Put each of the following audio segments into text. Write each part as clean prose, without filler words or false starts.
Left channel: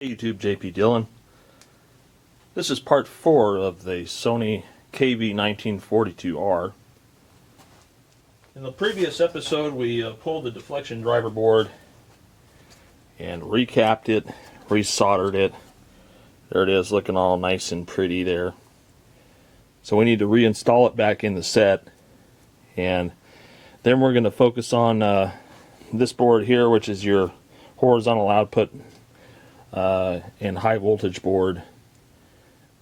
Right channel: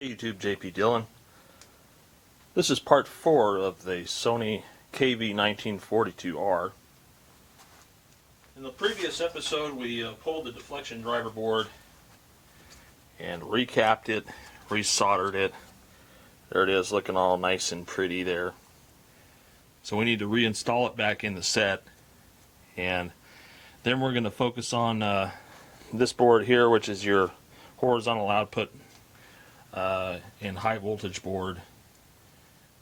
Hey YouTube, JP Dillon. This is part 4 of the Sony kv-1942r. In the previous episode we pulled the deflection driver board and recapped it, resoldered it. There it is, looking all nice and pretty there. So we need to reinstall it back in the set, and then we're going to focus on this board here, which is your horizontal output and high voltage board.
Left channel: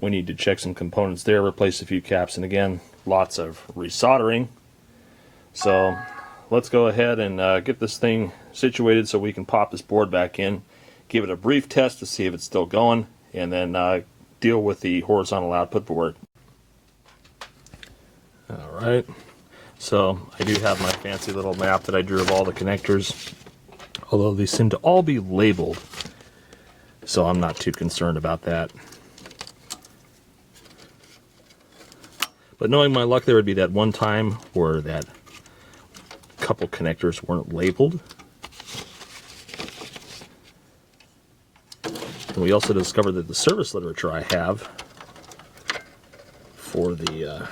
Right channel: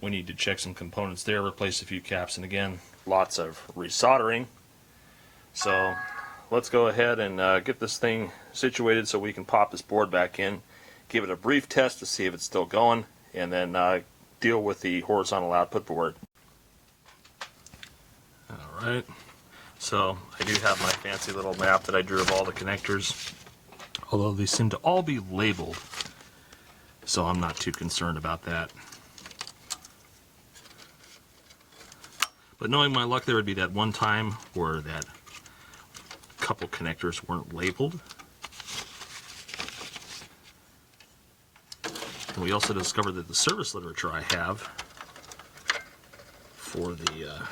We need to check some components there, replace a few caps, and again, lots of resoldering. So let's go ahead and get this thing situated so we can pop this board back in, give it a brief test to see if it's still going, and then deal with the horizontal output board. Alright, so I do have my fancy little map that I drew of all the connectors, although they seem to all be labeled, so I'm not too concerned about that. But knowing my luck, there would be that one time where that couple connectors weren't labeled. And we also discovered that the service literature I have for the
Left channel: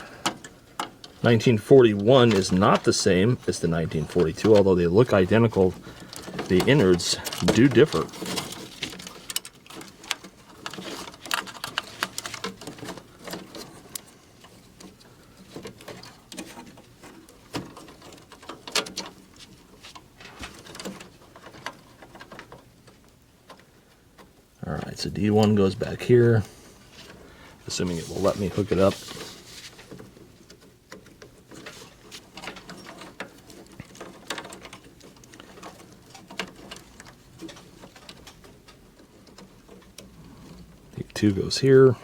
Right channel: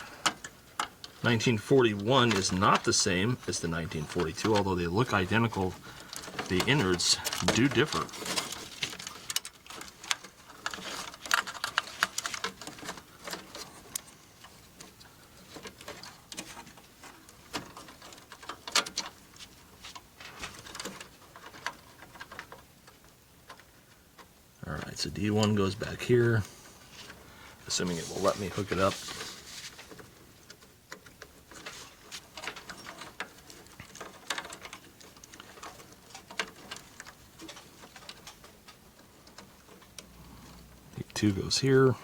1941 is not the same as the 1942, although they look identical. The innards do differ. Alright, so D1 goes back here, assuming it will let me hook it up. D2 goes here,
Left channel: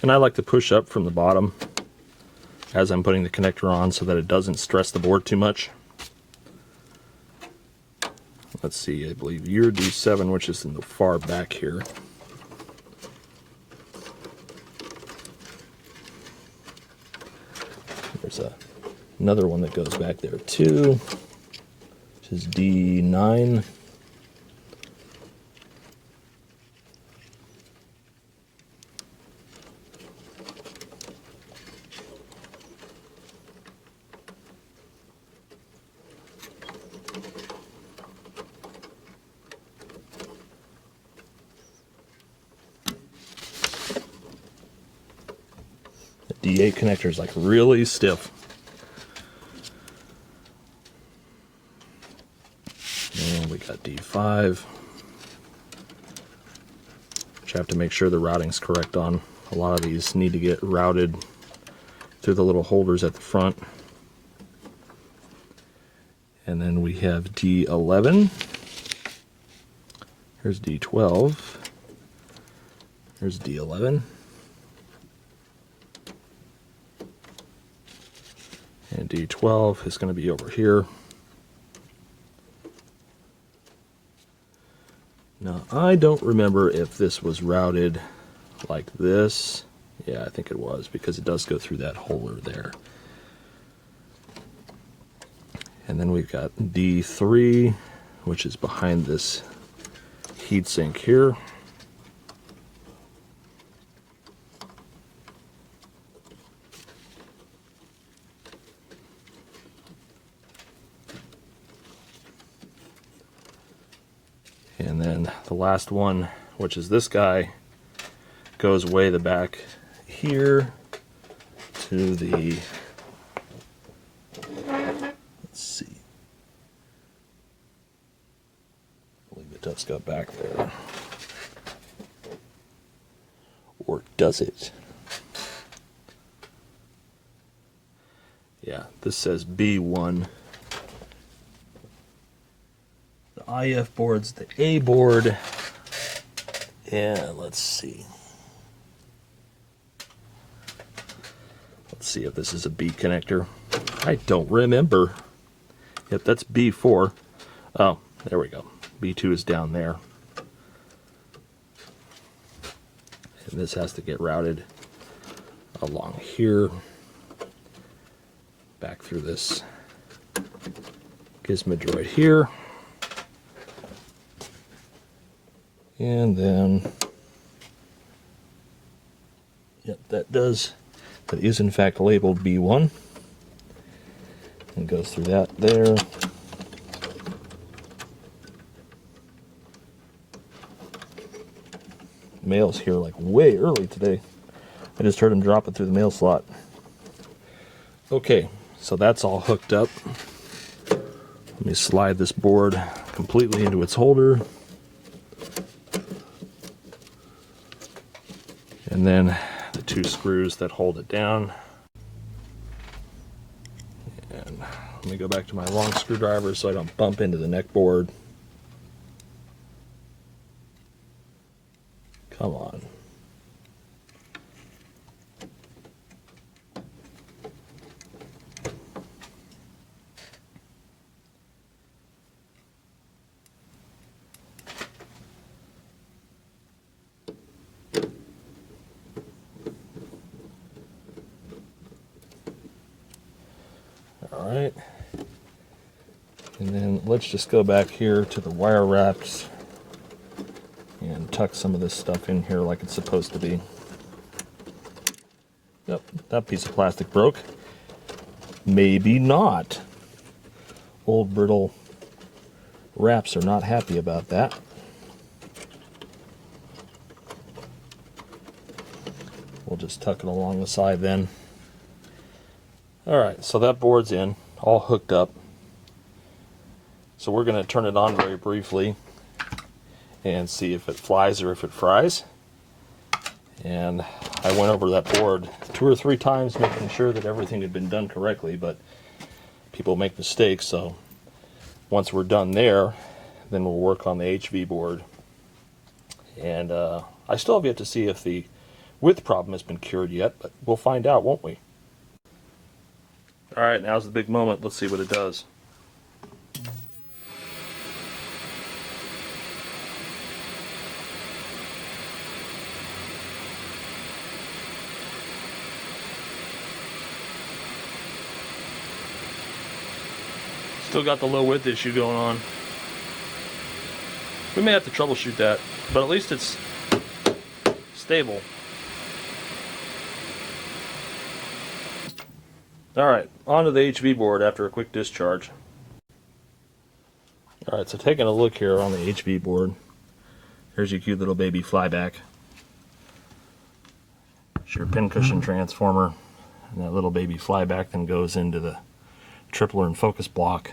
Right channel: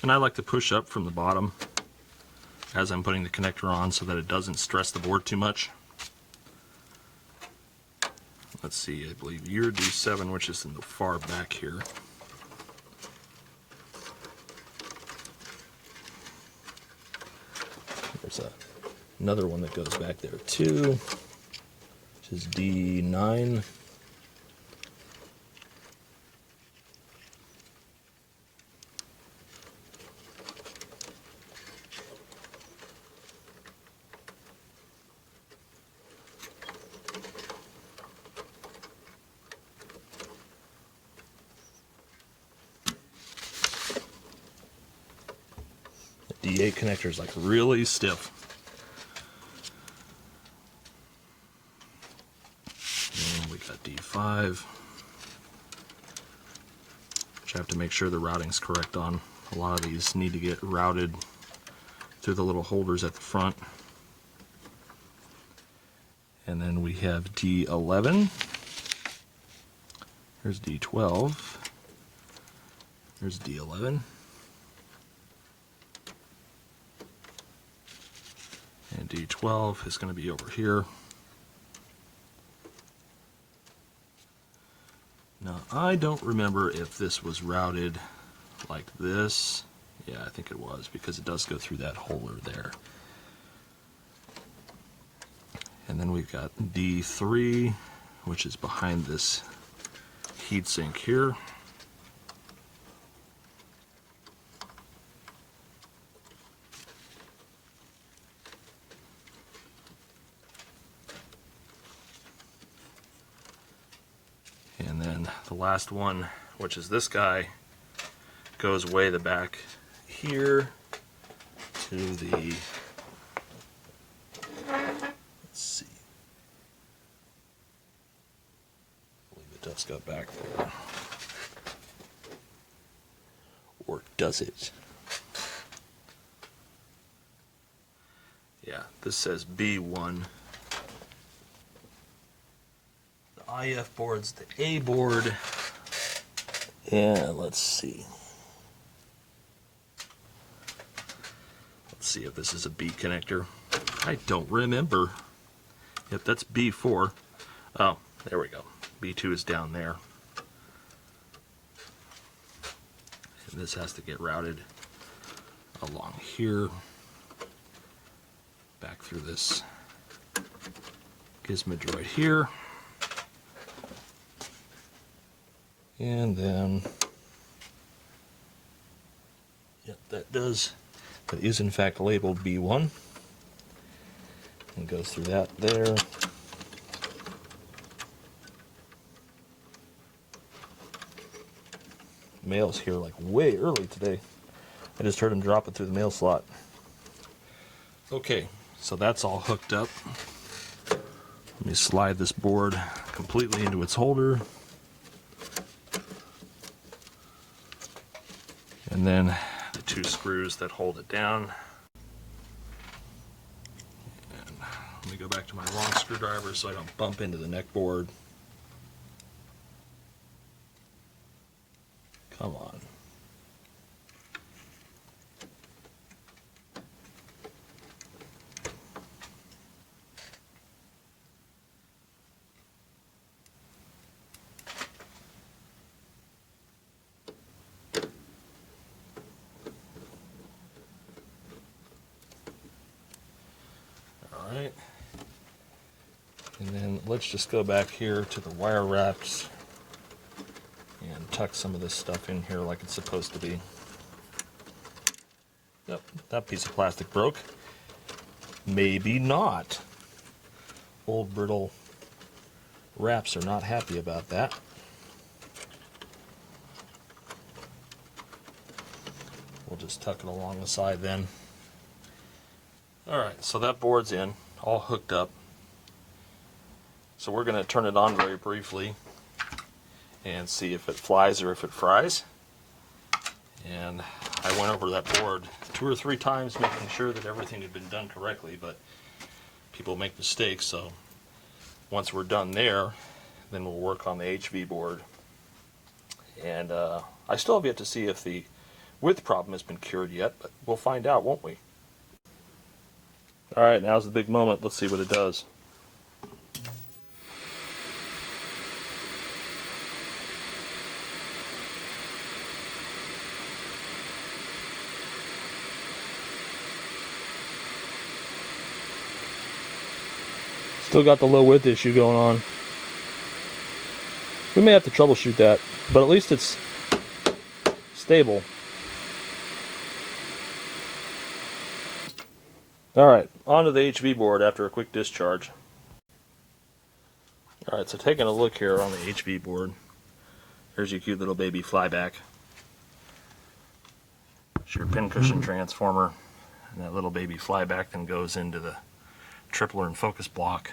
and I like to push up from the bottom as I'm putting the connector on so that it doesn't stress the board too much. Let's see, I believe your D7, which is in the far back here. There's another one that goes back there too, which is D9. D8 connector is like really stiff. And we got D5, which I have to make sure the routing's correct on. A lot of these need to get routed through the little holders at the front. And then we have D11. Here's D12. Here's D11. And D12 is going to be over here. Now, I don't remember if this was routed like this. Yeah, I think it was, because it does go through that holder there. And then we've got D3, which is behind this heatsink here. And then the last one, which is this guy, goes way the back here to the, let's see, I believe it does go back there. Or does it? Yeah, this says B1. IF board's the A board. Yeah, let's see. Let's see if this is a B connector. I don't remember. Yep, that's B4. Oh, there we go. B2 is down there. And this has to get routed along here, back through this gizmo right here. And then, yep, that is in fact labeled B1. And goes through that there. Mail's here like way early today. I just heard him drop it through the mail slot. Okay, so that's all hooked up. Let me slide this board completely into its holder. And then the 2 screws that hold it down. And let me go back to my long screwdriver so I don't bump into the neck board. Come on. All right. And then let's just go back here to the wire wraps and tuck some of this stuff in here like it's supposed to be. Yep, that piece of plastic broke. Maybe not. Old brittle wraps are not happy about that. We'll just tuck it along the side then. Alright, so that board's in, all hooked up. So we're going to turn it on very briefly and see if it flies or if it fries. And I went over that board 2 or 3 times making sure that everything had been done correctly, but people make mistakes, so once we're done there, then we'll work on the HV board. And I still have yet to see if the width problem has been cured yet, but we'll find out, won't we? Alright, now's the big moment. Let's see what it does. Still got the low width issue going on. We may have to troubleshoot that, but at least it's stable. Alright, onto the HV board after a quick discharge. Alright, so taking a look here on the HV board. Here's your cute little baby flyback. It's your pincushion transformer. And that little baby flyback then goes into the tripler and focus block.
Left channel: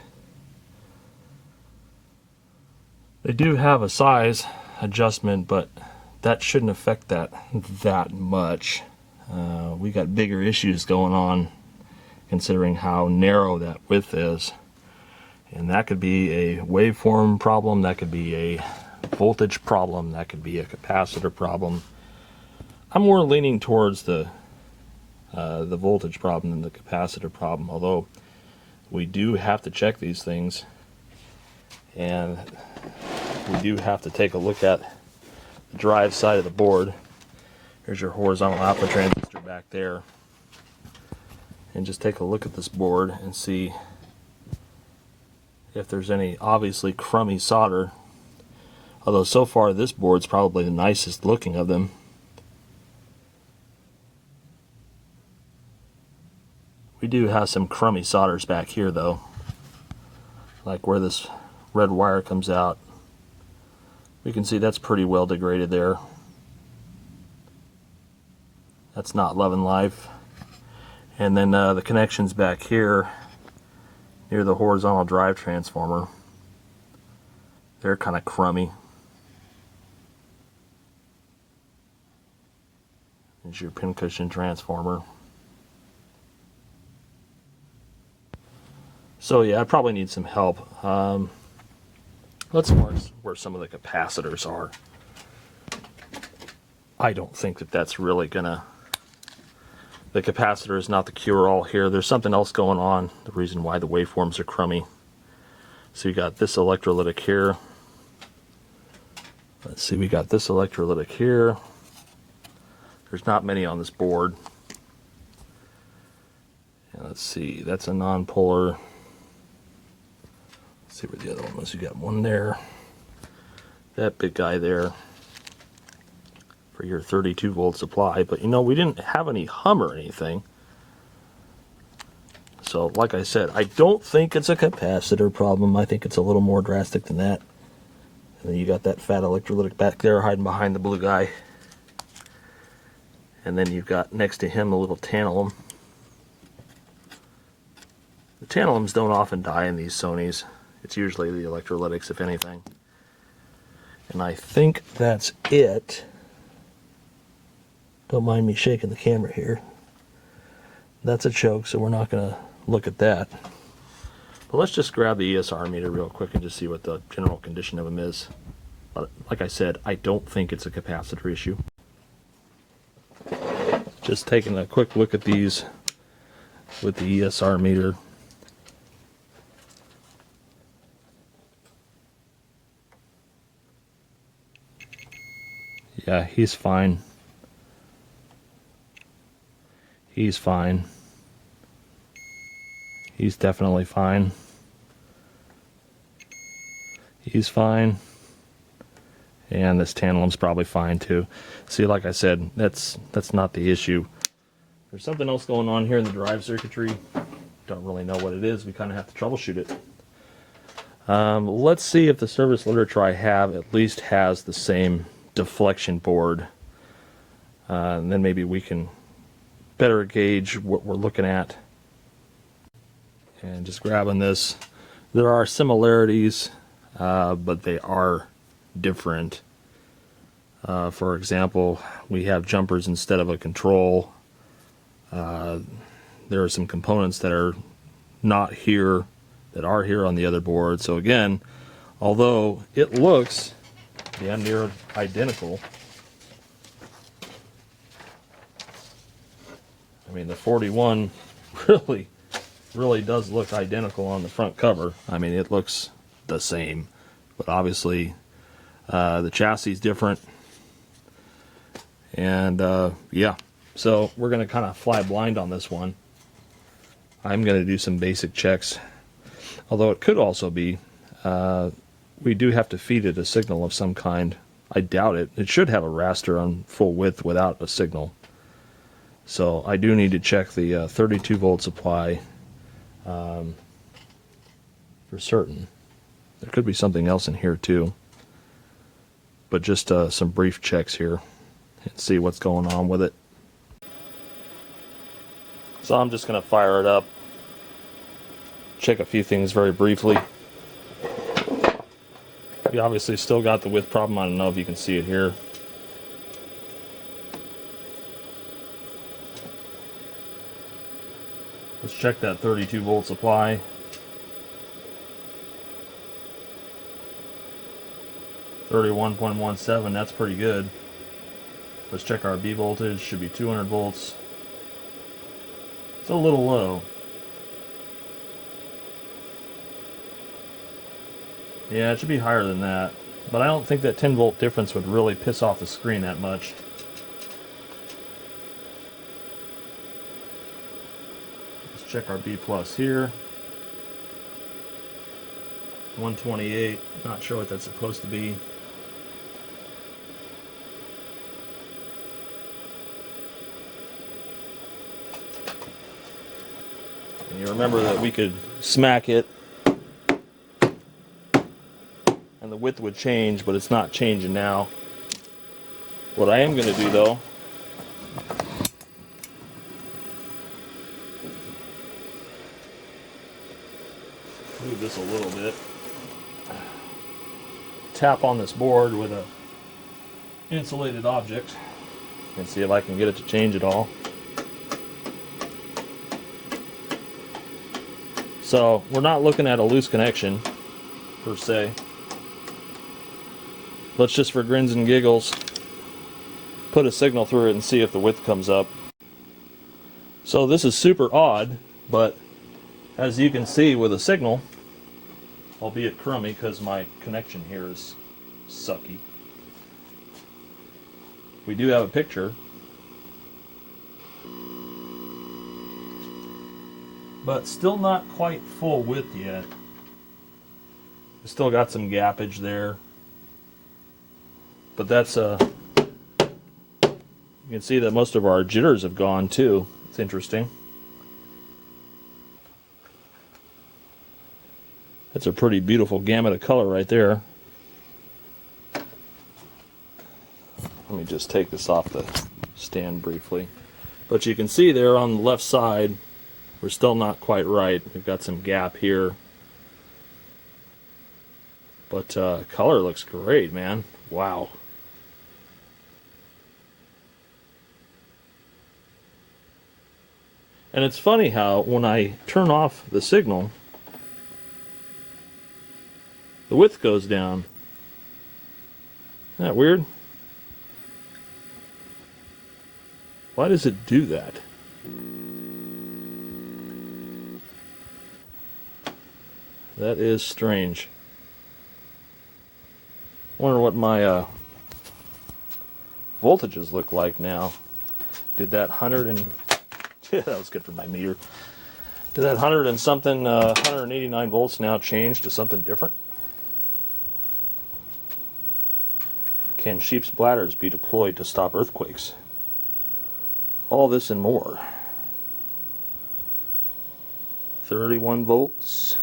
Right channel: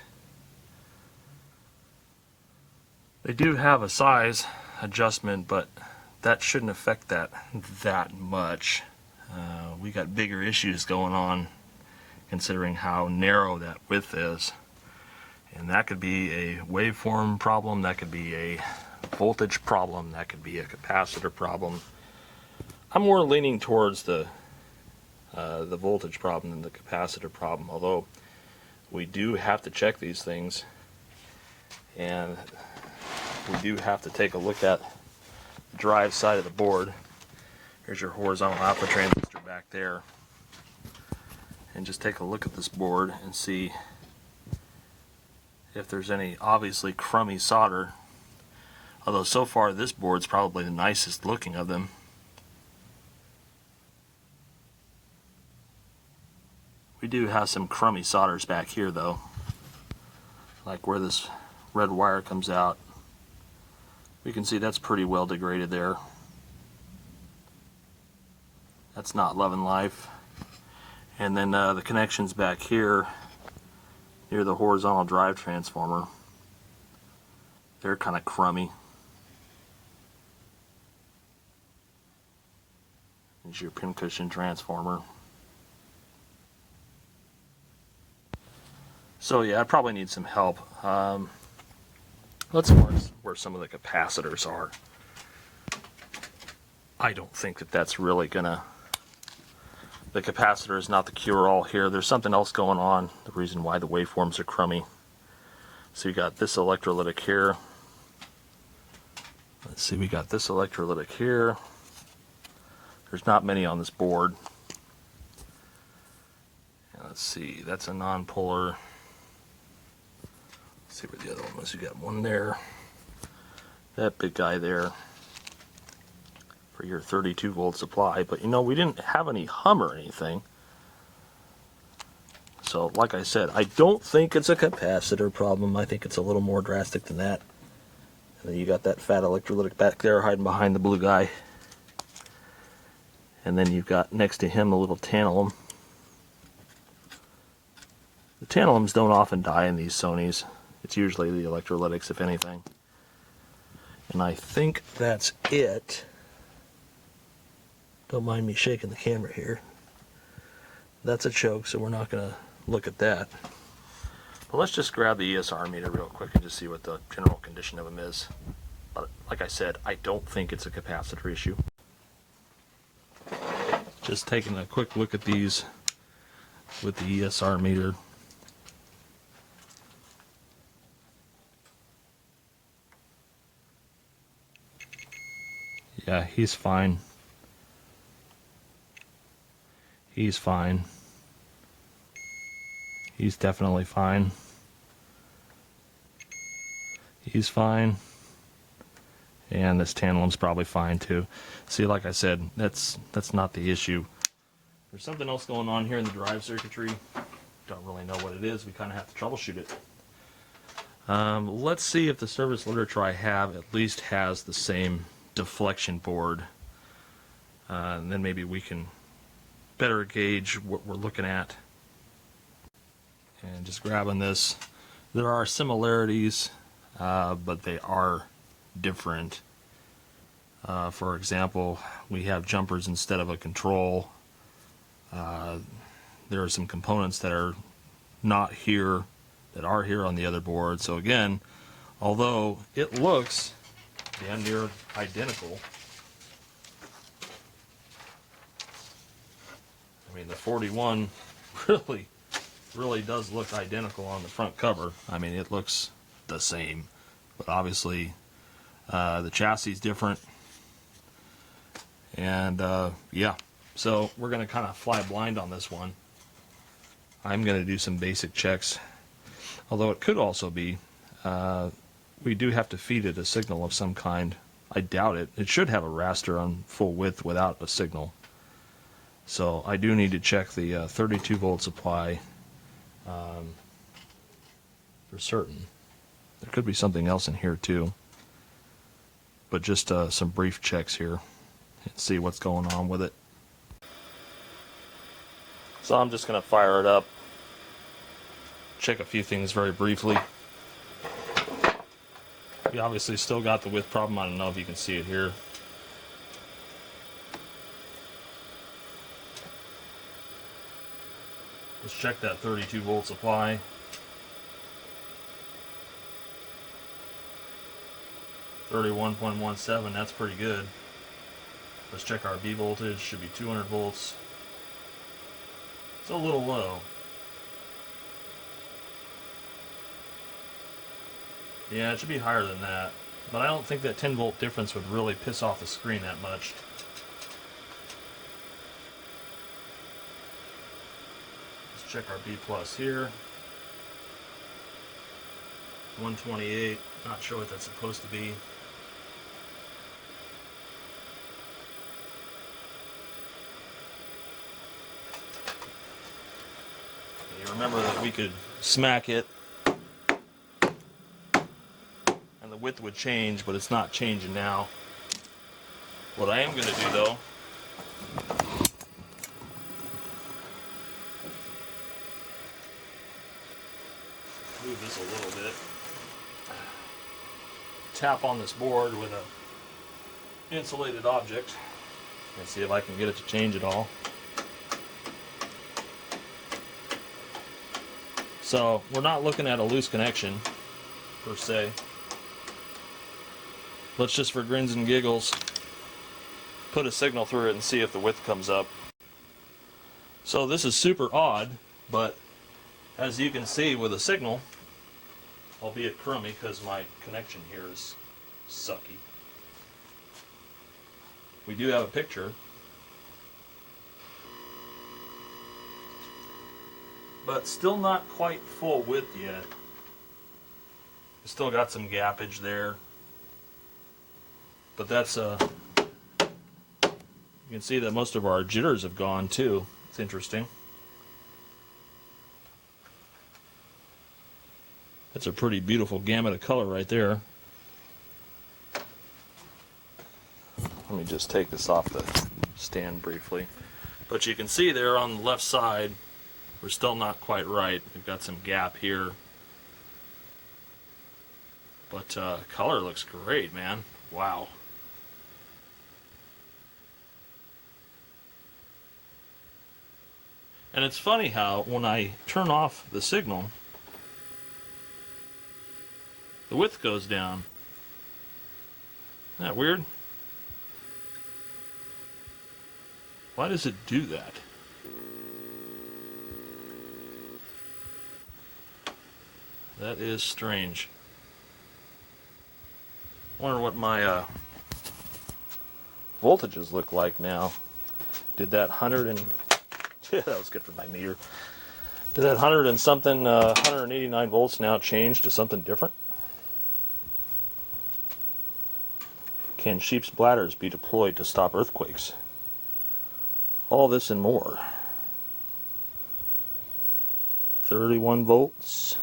They do have a size adjustment, but that shouldn't affect that much. We got bigger issues going on considering how narrow that width is. And that could be a waveform problem, that could be a voltage problem, that could be a capacitor problem. I'm more leaning towards the voltage problem than the capacitor problem, although we do have to check these things, and we do have to take a look at the drive side of the board. Here's your horizontal output transistor back there. And just take a look at this board and see if there's any obviously crummy solder. Although so far this board's probably the nicest looking of them. We do have some crummy solders back here though. Like where this red wire comes out. We can see that's pretty well degraded there. That's not loving life. And then the connections back here near the horizontal drive transformer, they're kind of crummy. There's your pincushion transformer. So yeah, I probably need some help. Let's mark where some of the capacitors are. I don't think that that's really gonna... The capacitor is not the cure-all here. There's something else going on, the reason why the waveforms are crummy. So you got this electrolytic here. Let's see, we got this electrolytic here. There's not many on this board. And let's see, that's a non-polar. Let's see what the other one was. You got one there. That big guy there. for your 32 volt supply, but you know, we didn't have any hum or anything. So like I said, I don't think it's a capacitor problem. I think it's a little more drastic than that. And then you got that fat electrolytic back there hiding behind the blue guy. And then you've got next to him a little tantalum. The tantalums don't often die in these Sonys. It's usually the electrolytics, if anything. And I think that's it. Don't mind me shaking the camera here. That's a choke, so we're not going to look at that. But let's just grab the ESR meter real quick and just see what the general condition of them is. But like I said, I don't think it's a capacitor issue. Just taking a quick look at these with the ESR meter. Yeah, he's fine. He's fine. He's definitely fine. He's fine. And this tantalum's probably fine too. See, like I said, that's not the issue. There's something else going on here in the drive circuitry. Don't really know what it is. We kind of have to troubleshoot it. Let's see if the service literature I have at least has the same deflection board. And then maybe we can better gauge what we're looking at. And just grabbing this, there are similarities, but they are different. For example, we have jumpers instead of a control. There are some components that are not here that are here on the other board. So again, although it looks damn near identical, I mean the 41 really does look identical on the front cover. I mean, it looks the same, but obviously the chassis is different. And yeah, so we're going to kind of fly blind on this one. I'm going to do some basic checks, although it could also be we do have to feed it a signal of some kind. I doubt it. It should have a raster on full width without a signal. So I do need to check the 32 volt supply for certain. There could be something else in here too, but just some brief checks here and see what's going on with it. So I'm just going to fire it up, check a few things very briefly. You obviously still got the width problem. I don't know if you can see it here. Let's check that 32 volt supply. .17, that's pretty good. Let's check our B voltage, should be 200 volts. It's a little low. Yeah, it should be higher than that, but I don't think that 10 volt difference would really piss off the screen that much. Let's check our B plus here. 128, not sure what that's supposed to be. And you remember that we could smack it and the width would change, but it's not changing now. What I am going to do though, move this a little bit, tap on this board with a insulated object and see if I can get it to change at all. So we're not looking at a loose connection per se. Let's just, for grins and giggles, put a signal through it and see if the width comes up. So this is super odd, but as you can see with a signal, albeit crummy because my connection here is sucky, we do have a picture. But still not quite full width yet. Still got some gappage there. But that's You can see that most of our jitters have gone too. It's interesting. That's a pretty beautiful gamut of color right there. Let me just take this off the stand briefly. But you can see there on the left side, we're still not quite right. We've got some gap here. But color looks great, man. Wow. And it's funny how when I turn off the signal, the width goes down. Isn't that weird? Why does it do that? That is strange. I wonder what my voltages look like now. Did that 100 and... yeah, that was good for my meter. Did that 100 and something, 189 volts now change to something different? Can sheep's bladders be deployed to stop earthquakes? All this and more. 31 volts.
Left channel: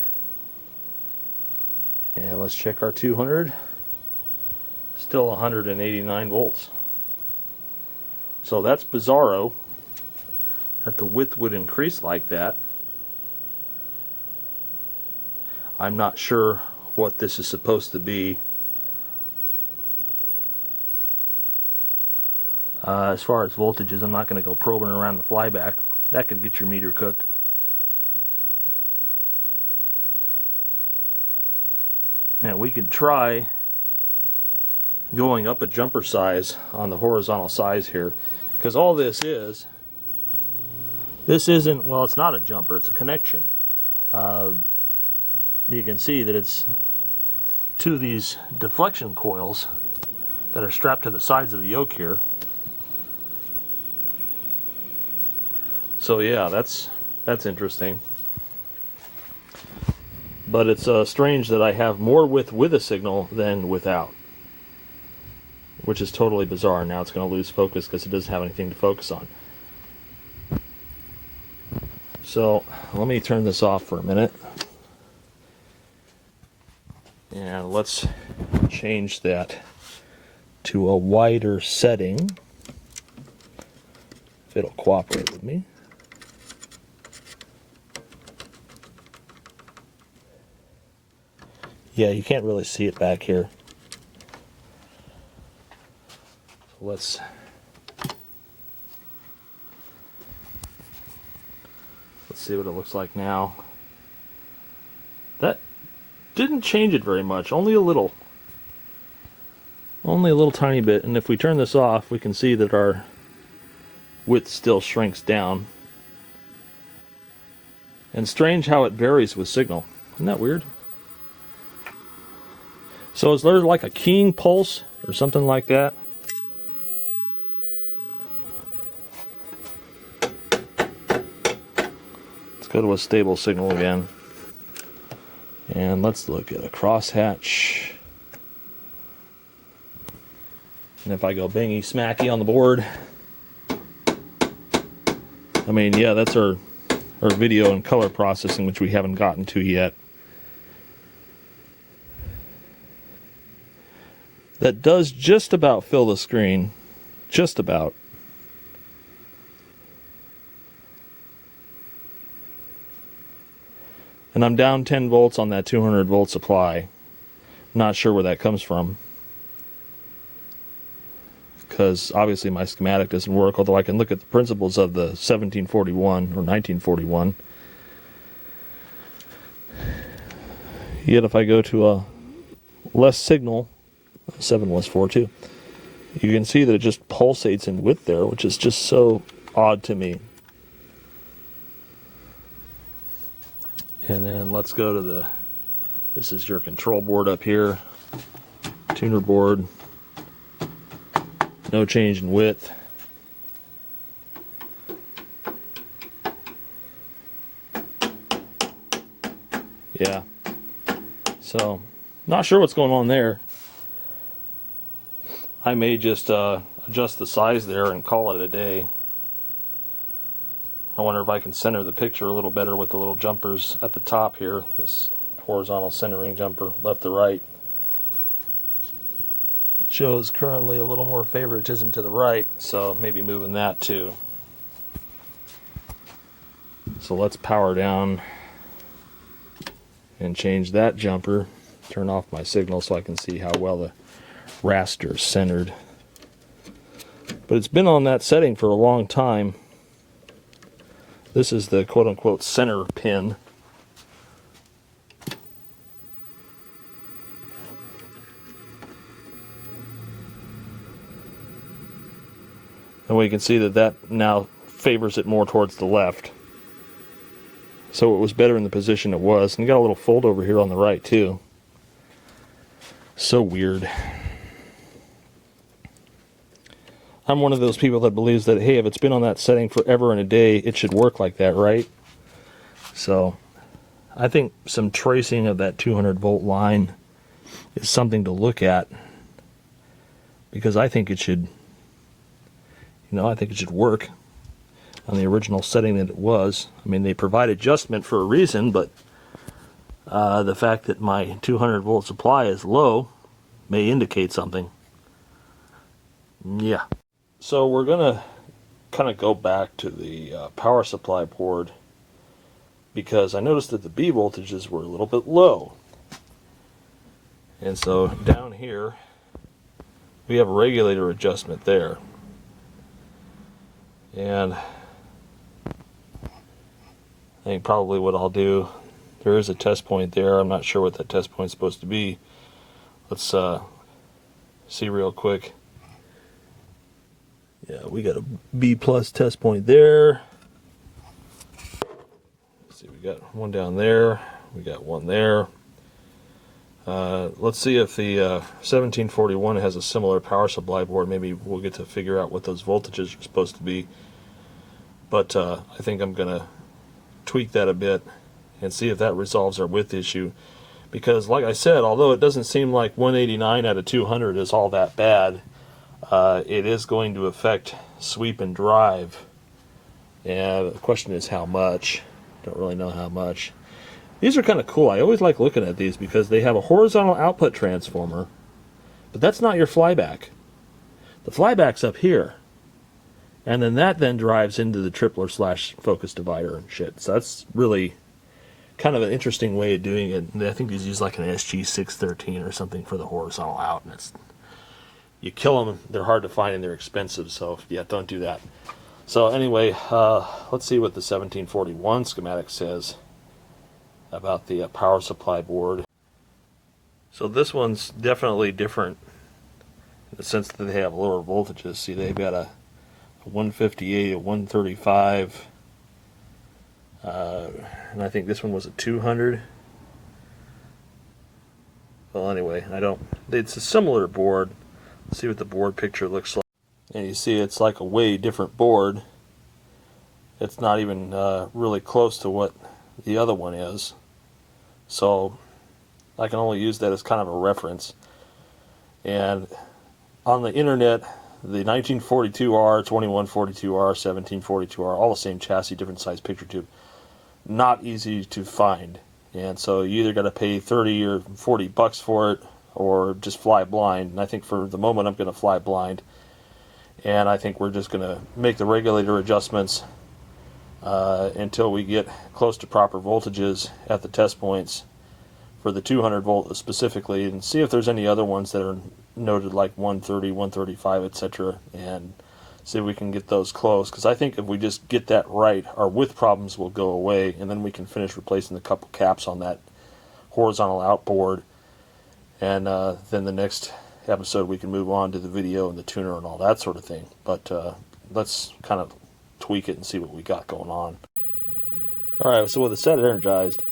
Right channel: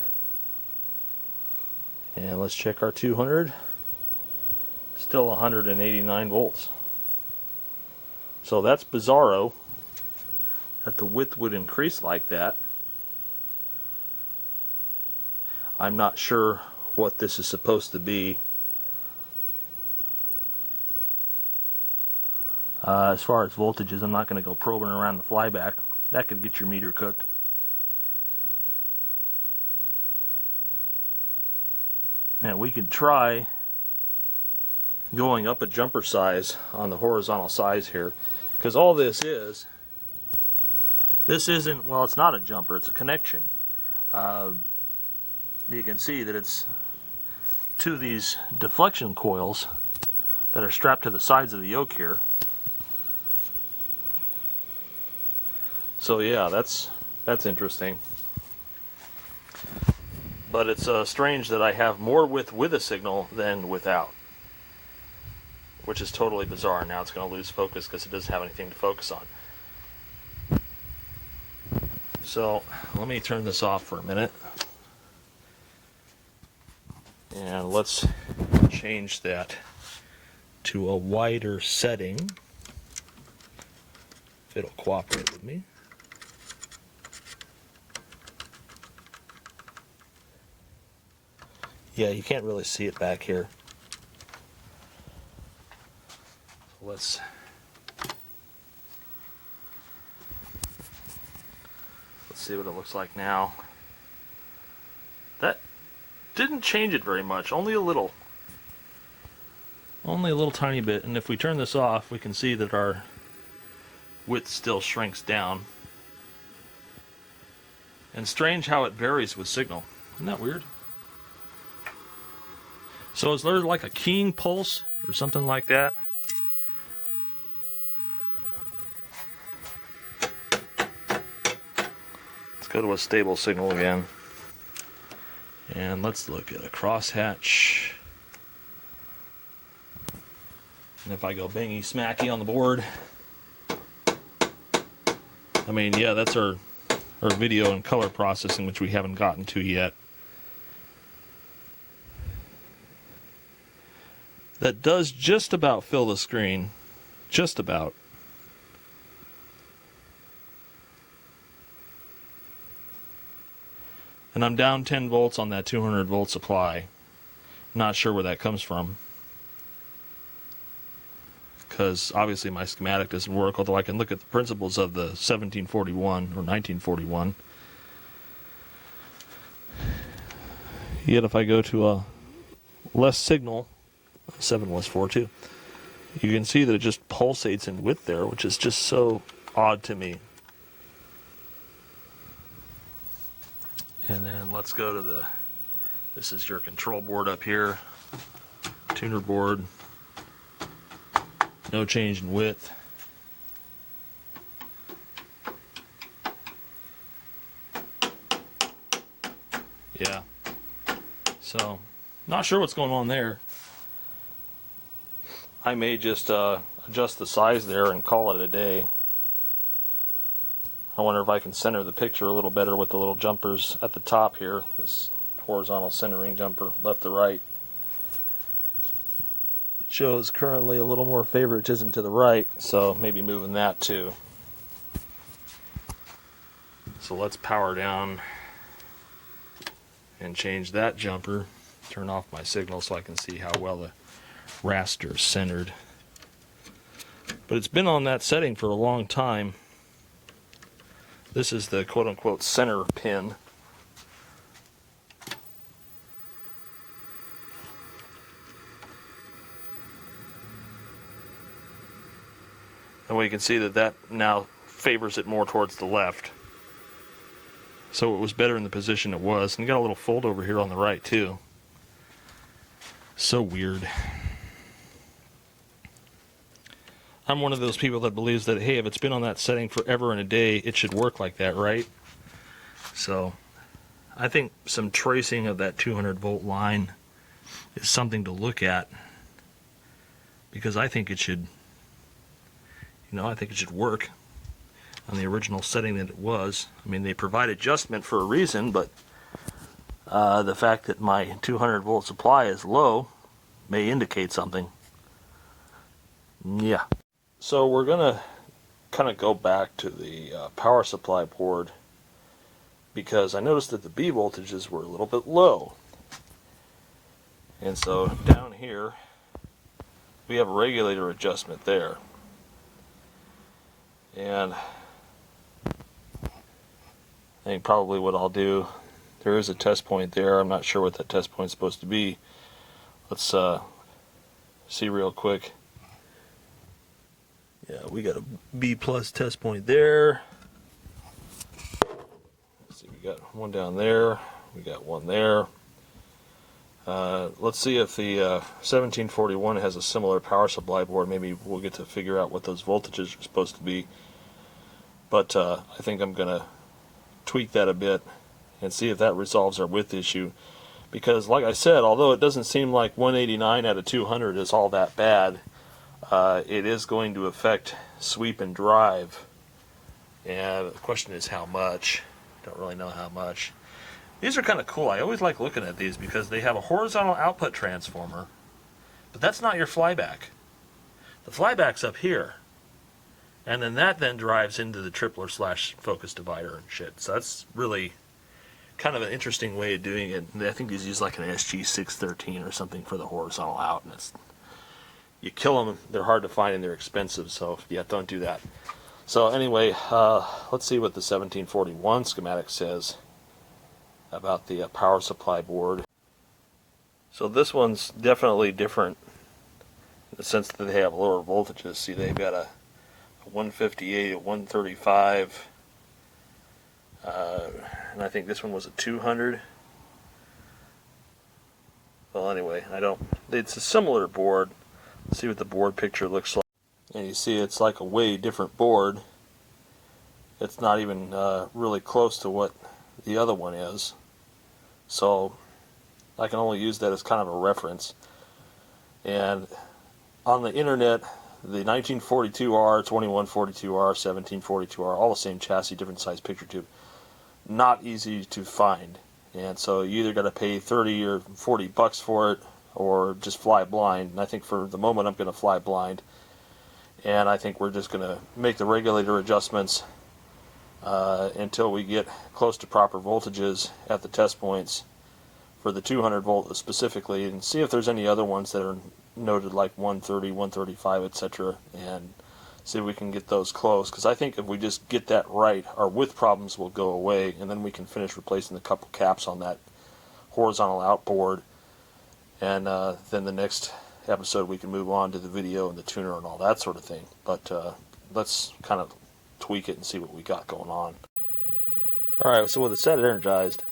And let's check our 200. Still 189 volts. So that's bizarro that the width would increase like that. I'm not sure what this is supposed to be. As far as voltages, I'm not going to go probing around the flyback. That could get your meter cooked. Now we could try going up a jumper size on the horizontal size here, because all this isn't, well, it's not a jumper, it's a connection. You can see that it's to these deflection coils that are strapped to the sides of the yoke here. So yeah, that's interesting. But it's strange that I have more width with a signal than without, which is totally bizarre. Now it's going to lose focus because it doesn't have anything to focus on. So let me turn this off for a minute, and let's change that to a wider setting, if it'll cooperate with me. Yeah, you can't really see it back here. So let's see what it looks like now. That didn't change it very much, only a little. Only a little tiny bit. And if we turn this off, we can see that our width still shrinks down. And strange how it varies with signal. Isn't that weird? So is there like a keying pulse or something like that? Let's go to a stable signal again. And let's look at a crosshatch. And if I go bingy smacky on the board, I mean, yeah, that's our video and color processing, which we haven't gotten to yet. That does just about fill the screen. Just about. And I'm down 10 volts on that 200 volt supply. Not sure where that comes from, because obviously my schematic doesn't work, although I can look at the principles of the 1741 or 1941. Yet if I go to a less signal, 7142, you can see that it just pulsates in width there, which is just so odd to me. And then let's go to this is your control board up here, tuner board, no change in width. Yeah, so not sure what's going on there. I may just adjust the size there and call it a day. I wonder if I can center the picture a little better with the little jumpers at the top here. This horizontal centering jumper, left to right. It shows currently a little more favoritism to the right, so maybe moving that too. So let's power down and change that jumper. Turn off my signal so I can see how well the raster is centered. But it's been on that setting for a long time. This is the quote-unquote center pin. And we can see that that now favors it more towards the left. So it was better in the position it was. And you got a little fold over here on the right too. So weird. I'm one of those people that believes that, hey, if it's been on that setting forever and a day, it should work like that, right? So I think some tracing of that 200 volt line is something to look at, because I think it should, I think it should work on the original setting that it was. I mean, they provide adjustment for a reason, but the fact that my 200 volt supply is low may indicate something. Yeah. So we're going to kind of go back to the power supply board, because I noticed that the B voltages were a little bit low. And so down here we have a regulator adjustment there. And I think probably what I'll do, there is a test point there. I'm not sure what that test point is supposed to be. Let's see real quick. Yeah, we got a B plus test point there. Let's see, we got one down there. We got one there. Let's see if the 1741 has a similar power supply board. Maybe we'll get to figure out what those voltages are supposed to be. But I think I'm going to tweak that a bit and see if that resolves our width issue. Because like I said, although it doesn't seem like 189 out of 200 is all that bad, it is going to affect sweep and drive. And the question is how much. Don't really know how much. These are kind of cool. I always like looking at these because they have a horizontal output transformer, but that's not your flyback. The flyback's up here. And then that then drives into the tripler / focus divider and shit. So that's really kind of an interesting way of doing it. I think these use like an SG613 or something for the horizontal out, and it's, you kill them, they're hard to find and they're expensive, so yeah, don't do that. So anyway, let's see what the 1741 schematic says about the power supply board. So this one's definitely different in the sense that they have lower voltages. See, they've got a 158, a 135, and I think this one was a 200. Well, anyway, it's a similar board. Let's see what the board picture looks like. And you see it's like a way different board. It's not even really close to what the other one is. So I can only use that as kind of a reference. And on the internet, the 1942R, 2142R, 1742R, all the same chassis, different size picture tube. Not easy to find. And so you either got to pay 30 or 40 bucks for it, or just fly blind. And I think for the moment I'm going to fly blind. And I think we're just going to make the regulator adjustments until we get close to proper voltages at the test points for the 200 volt specifically, and see if there's any other ones that are noted like 130, 135, etc., and see if we can get those close. Because I think if we just get that right, our width problems will go away, and then we can finish replacing the couple caps on that horizontal outboard. And then the next episode we can move on to the video and the tuner and all that sort of thing. But let's kind of tweak it and see what we got going on. Alright, so with the set energized,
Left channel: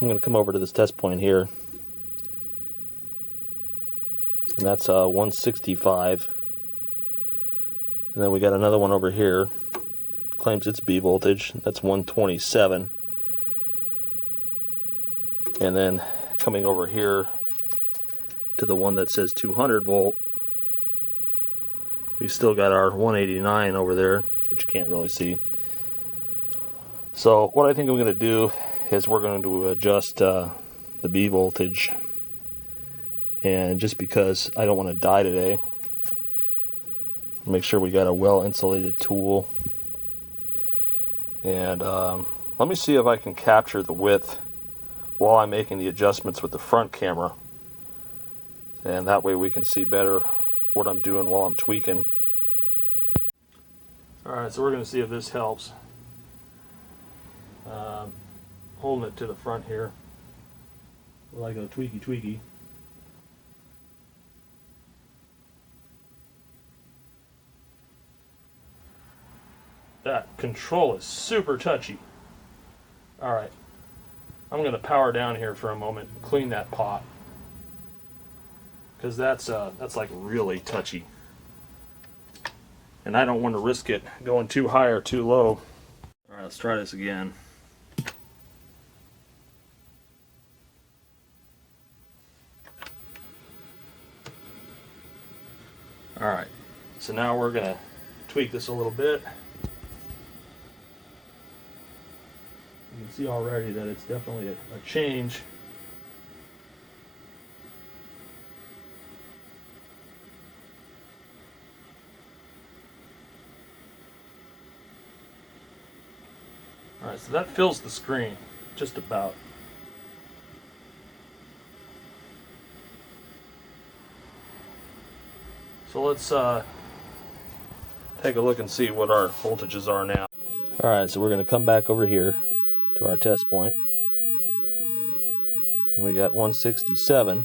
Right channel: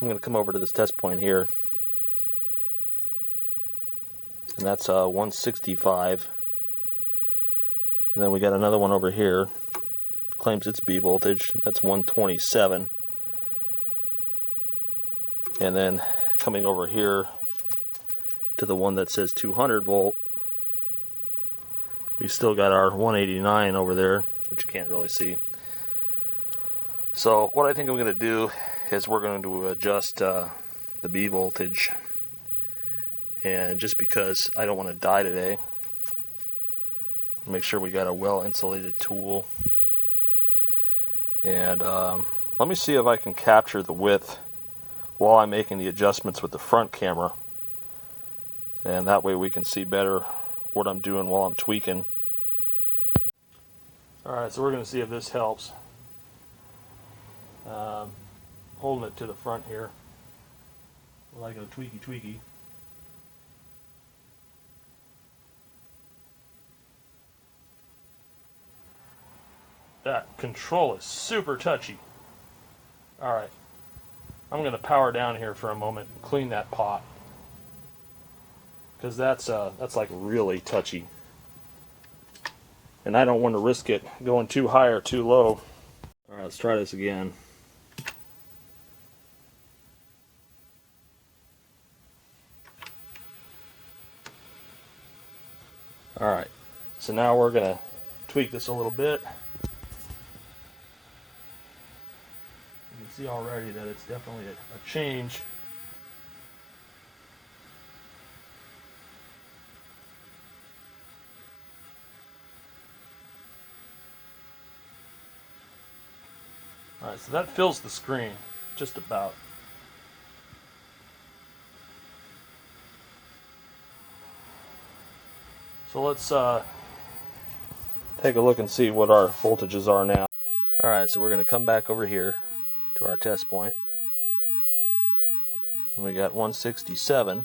I'm going to come over to this test point here. And that's 165. And then we got another one over here. Claims it's B voltage. That's 127. And then coming over here to the one that says 200 volt, we still got our 189 over there, which you can't really see. So what I think I'm going to do is we're going to adjust the B voltage, and just because I don't want to die today, make sure we got a well insulated tool. And let me see if I can capture the width while I'm making the adjustments with the front camera, and that way we can see better what I'm doing while I'm tweaking. Alright, so we're going to see if this helps. Holding it to the front here, like a tweaky. That control is super touchy. Alright, I'm going to power down here for a moment and clean that pot, because that's like really touchy, and I don't want to risk it going too high or too low. Alright, let's try this again. Alright, so now we're going to tweak this a little bit. You can see already that it's definitely a change. Alright, so that fills the screen, just about. So let's take a look and see what our voltages are now. Alright, so we're going to come back over here to our test point. And we got 167,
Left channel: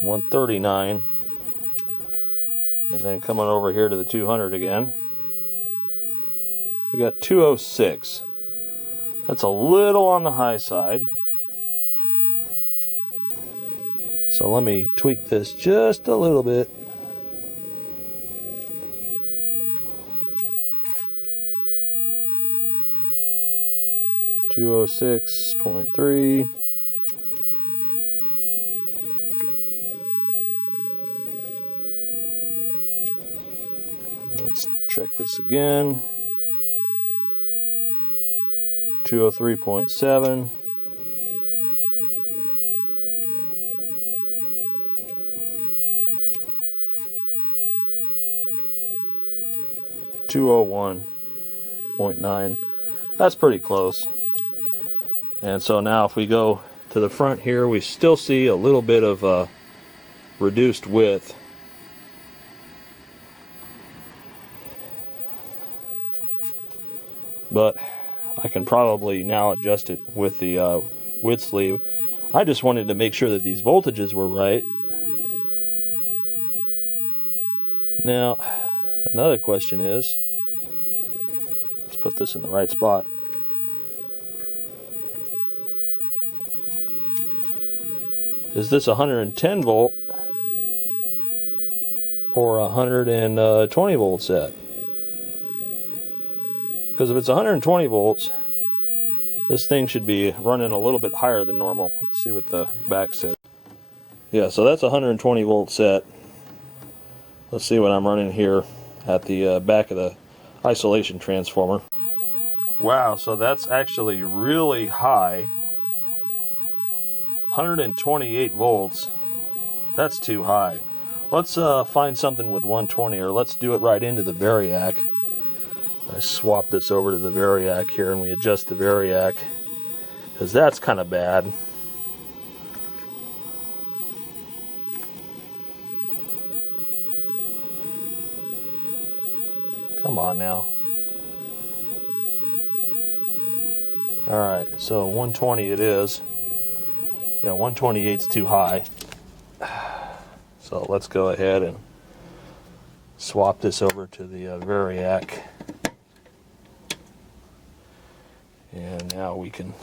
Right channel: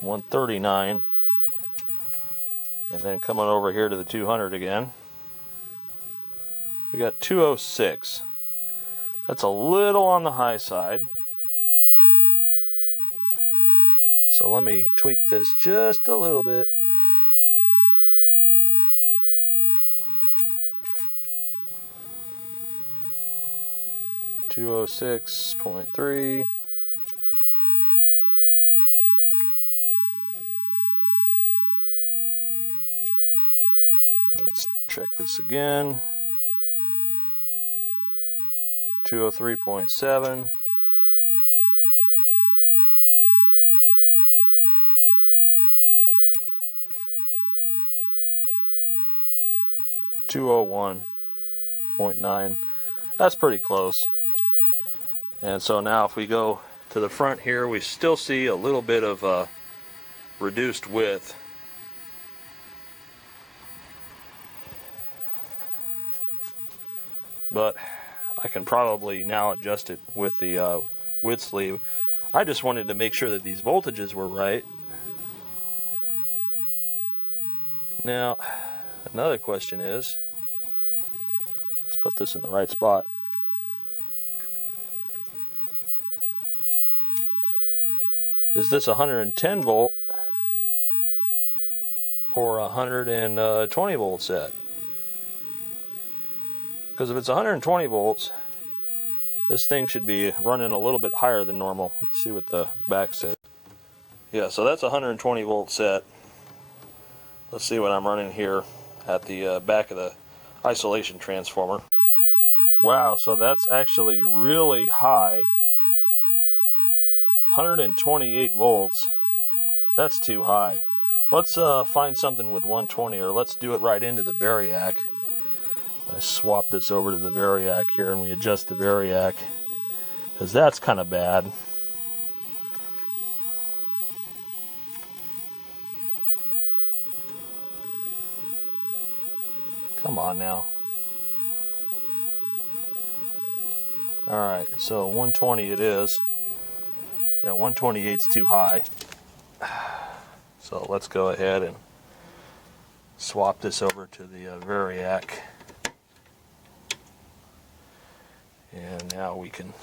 139, and then coming over here to the 200 again, we got 206. That's a little on the high side. So let me tweak this just a little bit. .3. Let's check this again. 203.7. .9. That's pretty close. And so now if we go to the front here, we still see a little bit of reduced width. But I can probably now adjust it with the width sleeve. I just wanted to make sure that these voltages were right. Now, another question is, let's put this in the right spot. Is this 110 volt or 120 volt set? Because if it's 120 volts, this thing should be running a little bit higher than normal. Let's see what the back said. Yeah, so that's 120 volt set. Let's see what I'm running here at the back of the isolation transformer. Wow, so that's actually really high. 128 volts. That's too high. Let's find something with 120, or let's do it right into the variac. I swap this over to the variac here, and we adjust the variac, because that's kind of bad. Come on now. Alright, so 120 it is. Yeah, 128's too high. So let's go ahead and swap this over to the variac. And now we can,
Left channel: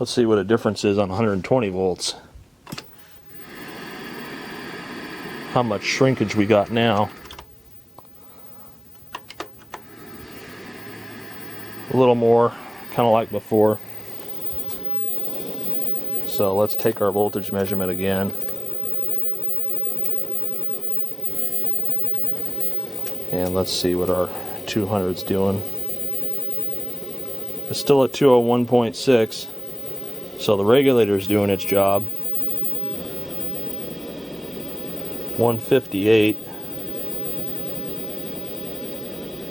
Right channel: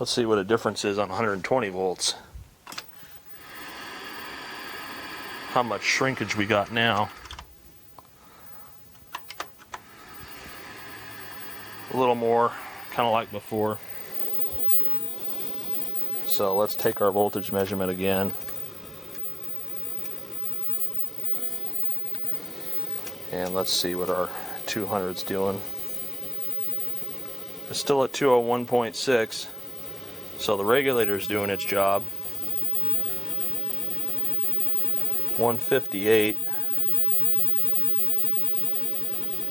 let's see what a difference is on 120 volts. How much shrinkage we got now. A little more, kind of like before. So let's take our voltage measurement again. And let's see what our 200's doing. It's still at 201.6, so the regulator's doing its job. 158,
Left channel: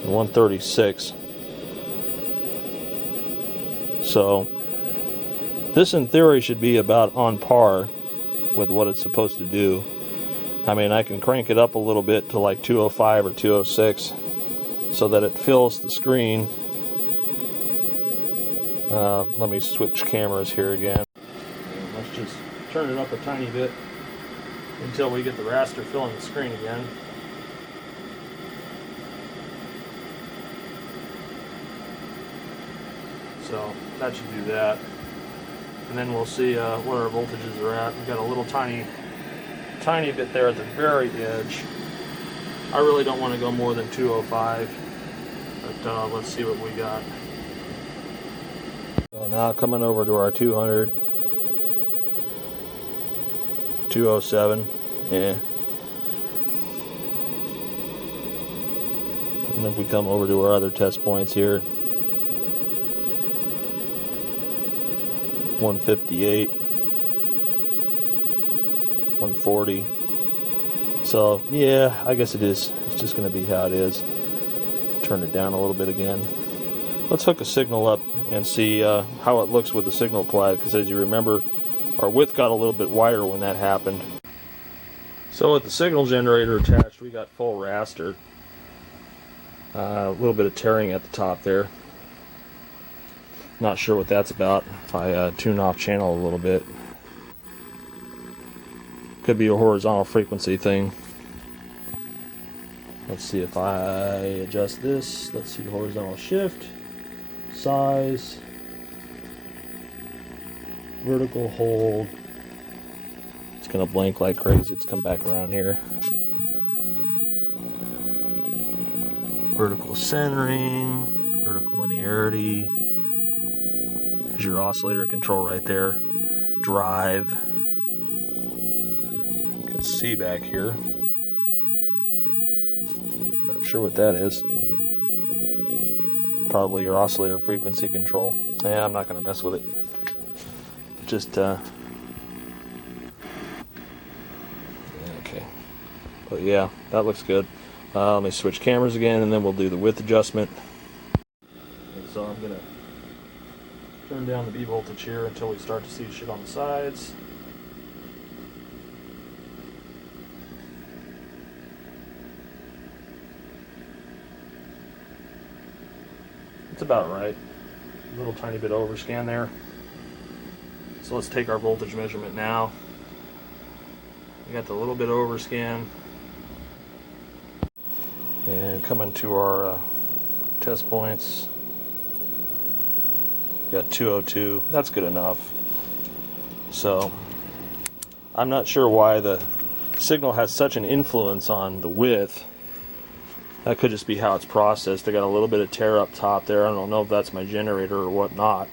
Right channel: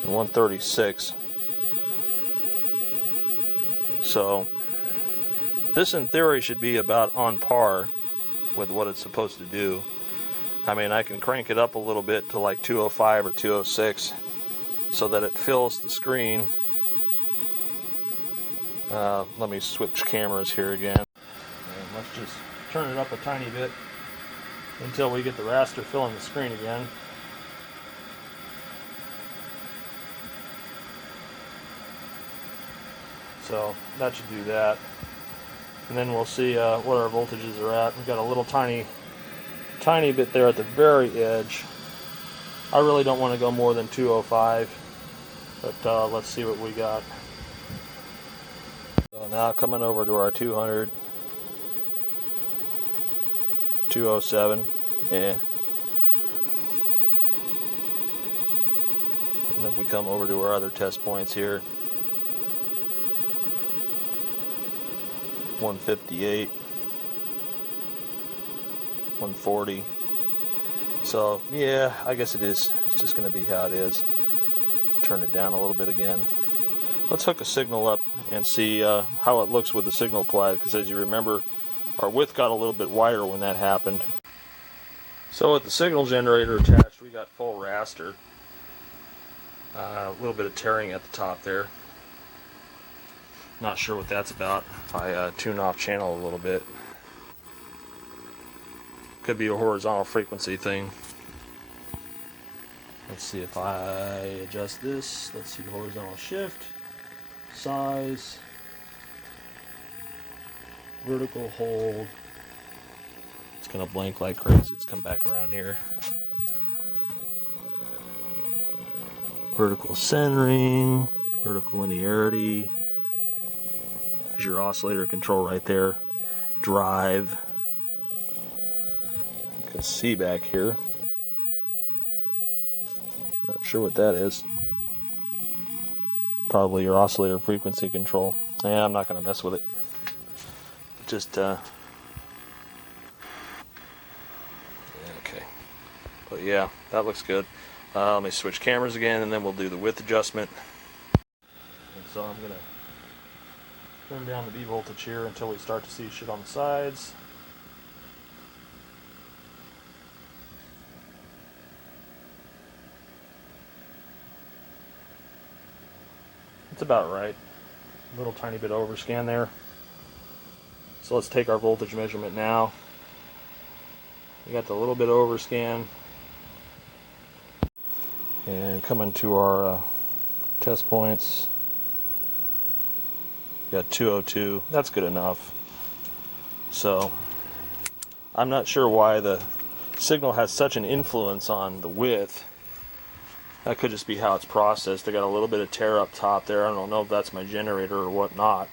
136. So this in theory should be about on par with what it's supposed to do. I mean, I can crank it up a little bit to like 205 or 206 so that it fills the screen. Let me switch cameras here again. And let's just turn it up a tiny bit until we get the raster filling the screen again. So that should do that. And then we'll see what our voltages are at. We've got a little tiny bit there at the very edge. I really don't want to go more than 205, but let's see what we got. So now coming over to our 200, 207, yeah. And if we come over to our other test points here, 158, 140. So yeah, I guess it is. It's just going to be how it is. Turn it down a little bit again. Let's hook a signal up and see how it looks with the signal applied, because as you remember, our width got a little bit wider when that happened. So with the signal generator attached, we got full raster. A little bit of tearing at the top there. Not sure what that's about. If I tune off channel a little bit. Could be a horizontal frequency thing. Let's see if I adjust this. Let's see, horizontal shift, size, vertical hold. It's gonna blink like crazy. It's come back around here. Vertical centering, vertical linearity. There's your oscillator control right there. Drive. You can see back here. Not sure what that is. Probably your oscillator frequency control. Yeah, I'm not going to mess with it. Just, okay. But yeah, that looks good. Let me switch cameras again, and then we'll do the width adjustment. And so I'm going to turn down the B voltage here until we start to see shit on the sides. It's about right. A little tiny bit overscan there. So let's take our voltage measurement now. We got the little bit overscan. And coming to our test points. Got 202. That's good enough. So I'm not sure why the signal has such an influence on the width. That could just be how it's processed. I got a little bit of tear up top there. I don't know if that's my generator or whatnot.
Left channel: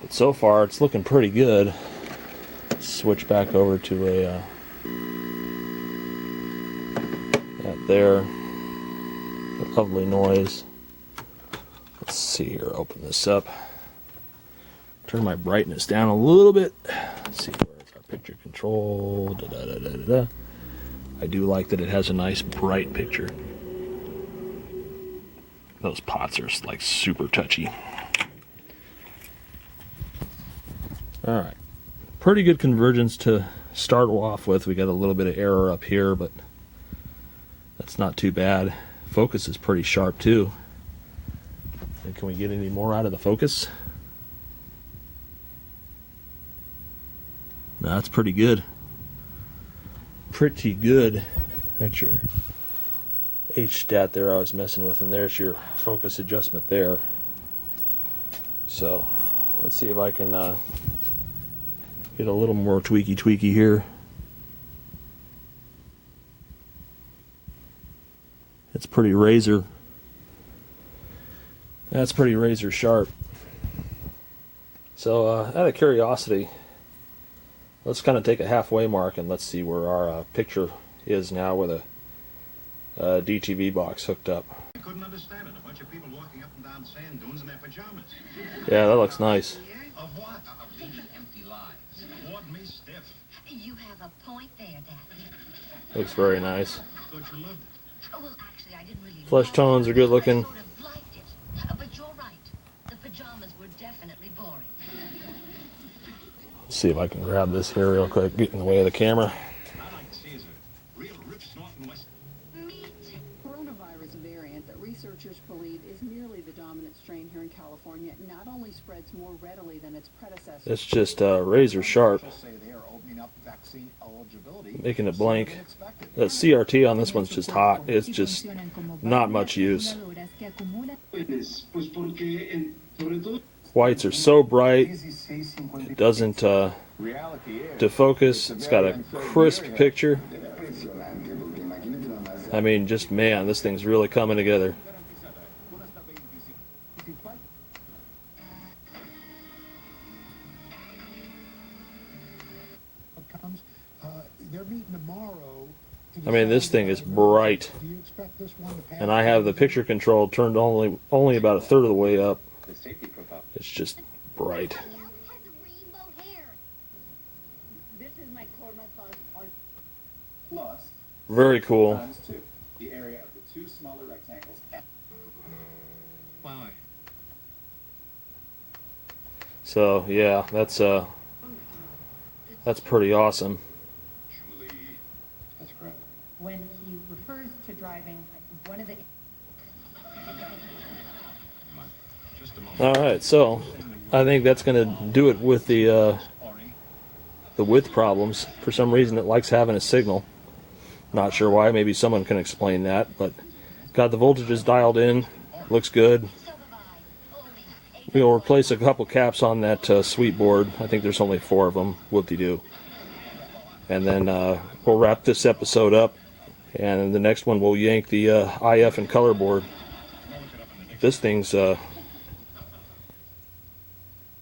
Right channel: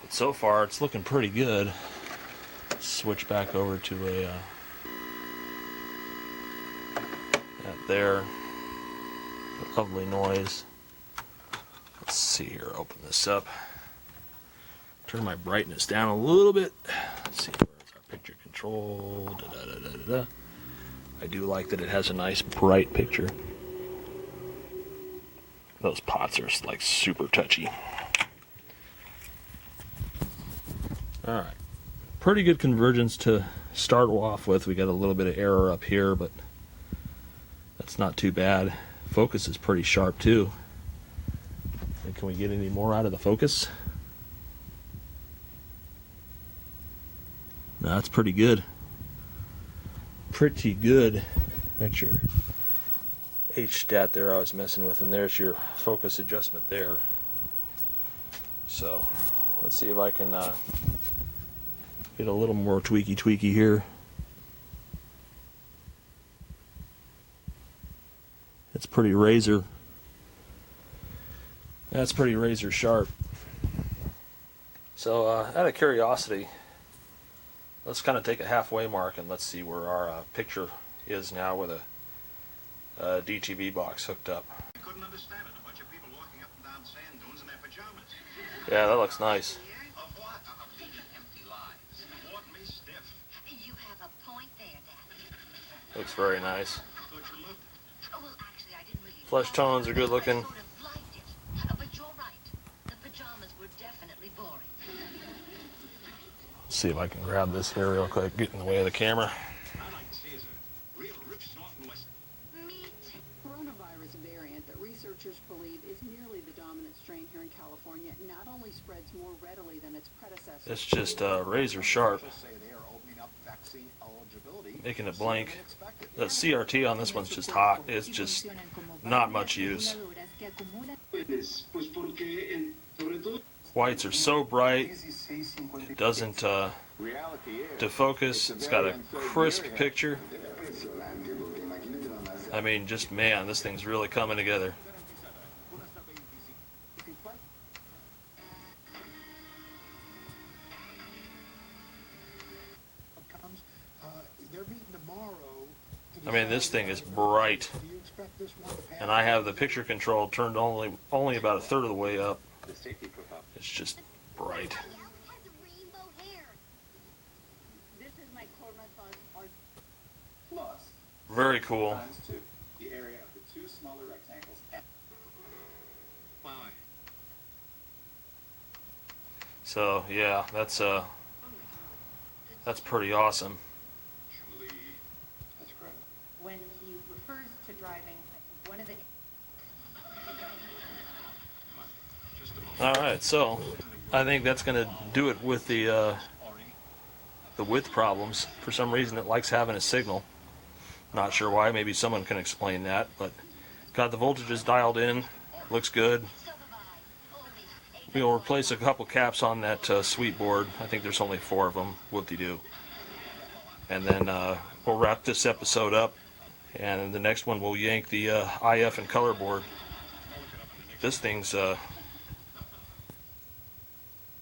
But so far it's looking pretty good. Let's switch back over to a that there. Lovely noise. Let's see here. Open this up. Turn my brightness down a little bit. Let's see, where's our picture control? Da, da, da, da, da. I do like that it has a nice bright picture. Those pots are like super touchy. Alright. Pretty good convergence to start off with. We got a little bit of error up here, but that's not too bad. Focus is pretty sharp too. And can we get any more out of the focus? No, that's pretty good. Pretty good. That's your H-stat there I was messing with, and there's your focus adjustment there. So let's see if I can get a little more tweaky here. It's pretty razor. That's pretty razor sharp. So out of curiosity, let's kind of take a halfway mark and let's see where our picture is now with DTV box hooked up. I couldn't understand it. A bunch of people walking up and down sand dunes in their pajamas. Yeah, that looks nice. Of what? Of leading empty lives. Bored me stiff. You have a point there, Daddy. Looks very nice. Thought you loved it. Oh, well, actually, I didn't really Flesh tones are good looking. I sort of liked it. But you're right. The pajamas were definitely boring. Let's see if I can grab this here real quick, get in the way of the camera. What I'd like to see is a real rip snorting west. Coronavirus variant that researchers believe is nearly the dominant strain here in California not only spreads more readily than its predecessor. It's just razor sharp, making it blank. The CRT on this one's just hot. It's just not much use. Whites are so bright, it doesn't defocus. It's got a crisp picture. I mean, just man, this thing's really coming together. I mean, this thing is bright, and I have the picture control turned only about a third of the way up. It's just bright. This is my plus. Very cool. The area of the two smaller rectangles. Why? So yeah, that's pretty awesome. That's correct. When he refers to driving, one of the All right, so I think that's going to do it with the width problems. For some reason, it likes having a signal. Not sure why. Maybe someone can explain that. But got the voltages dialed in. Looks good. We'll replace a couple caps on that sweep board. I think there's only 4 of them. Whoop-de-doo. And then we'll wrap this episode up. And in the next one, we'll yank the IF and color board. This thing's...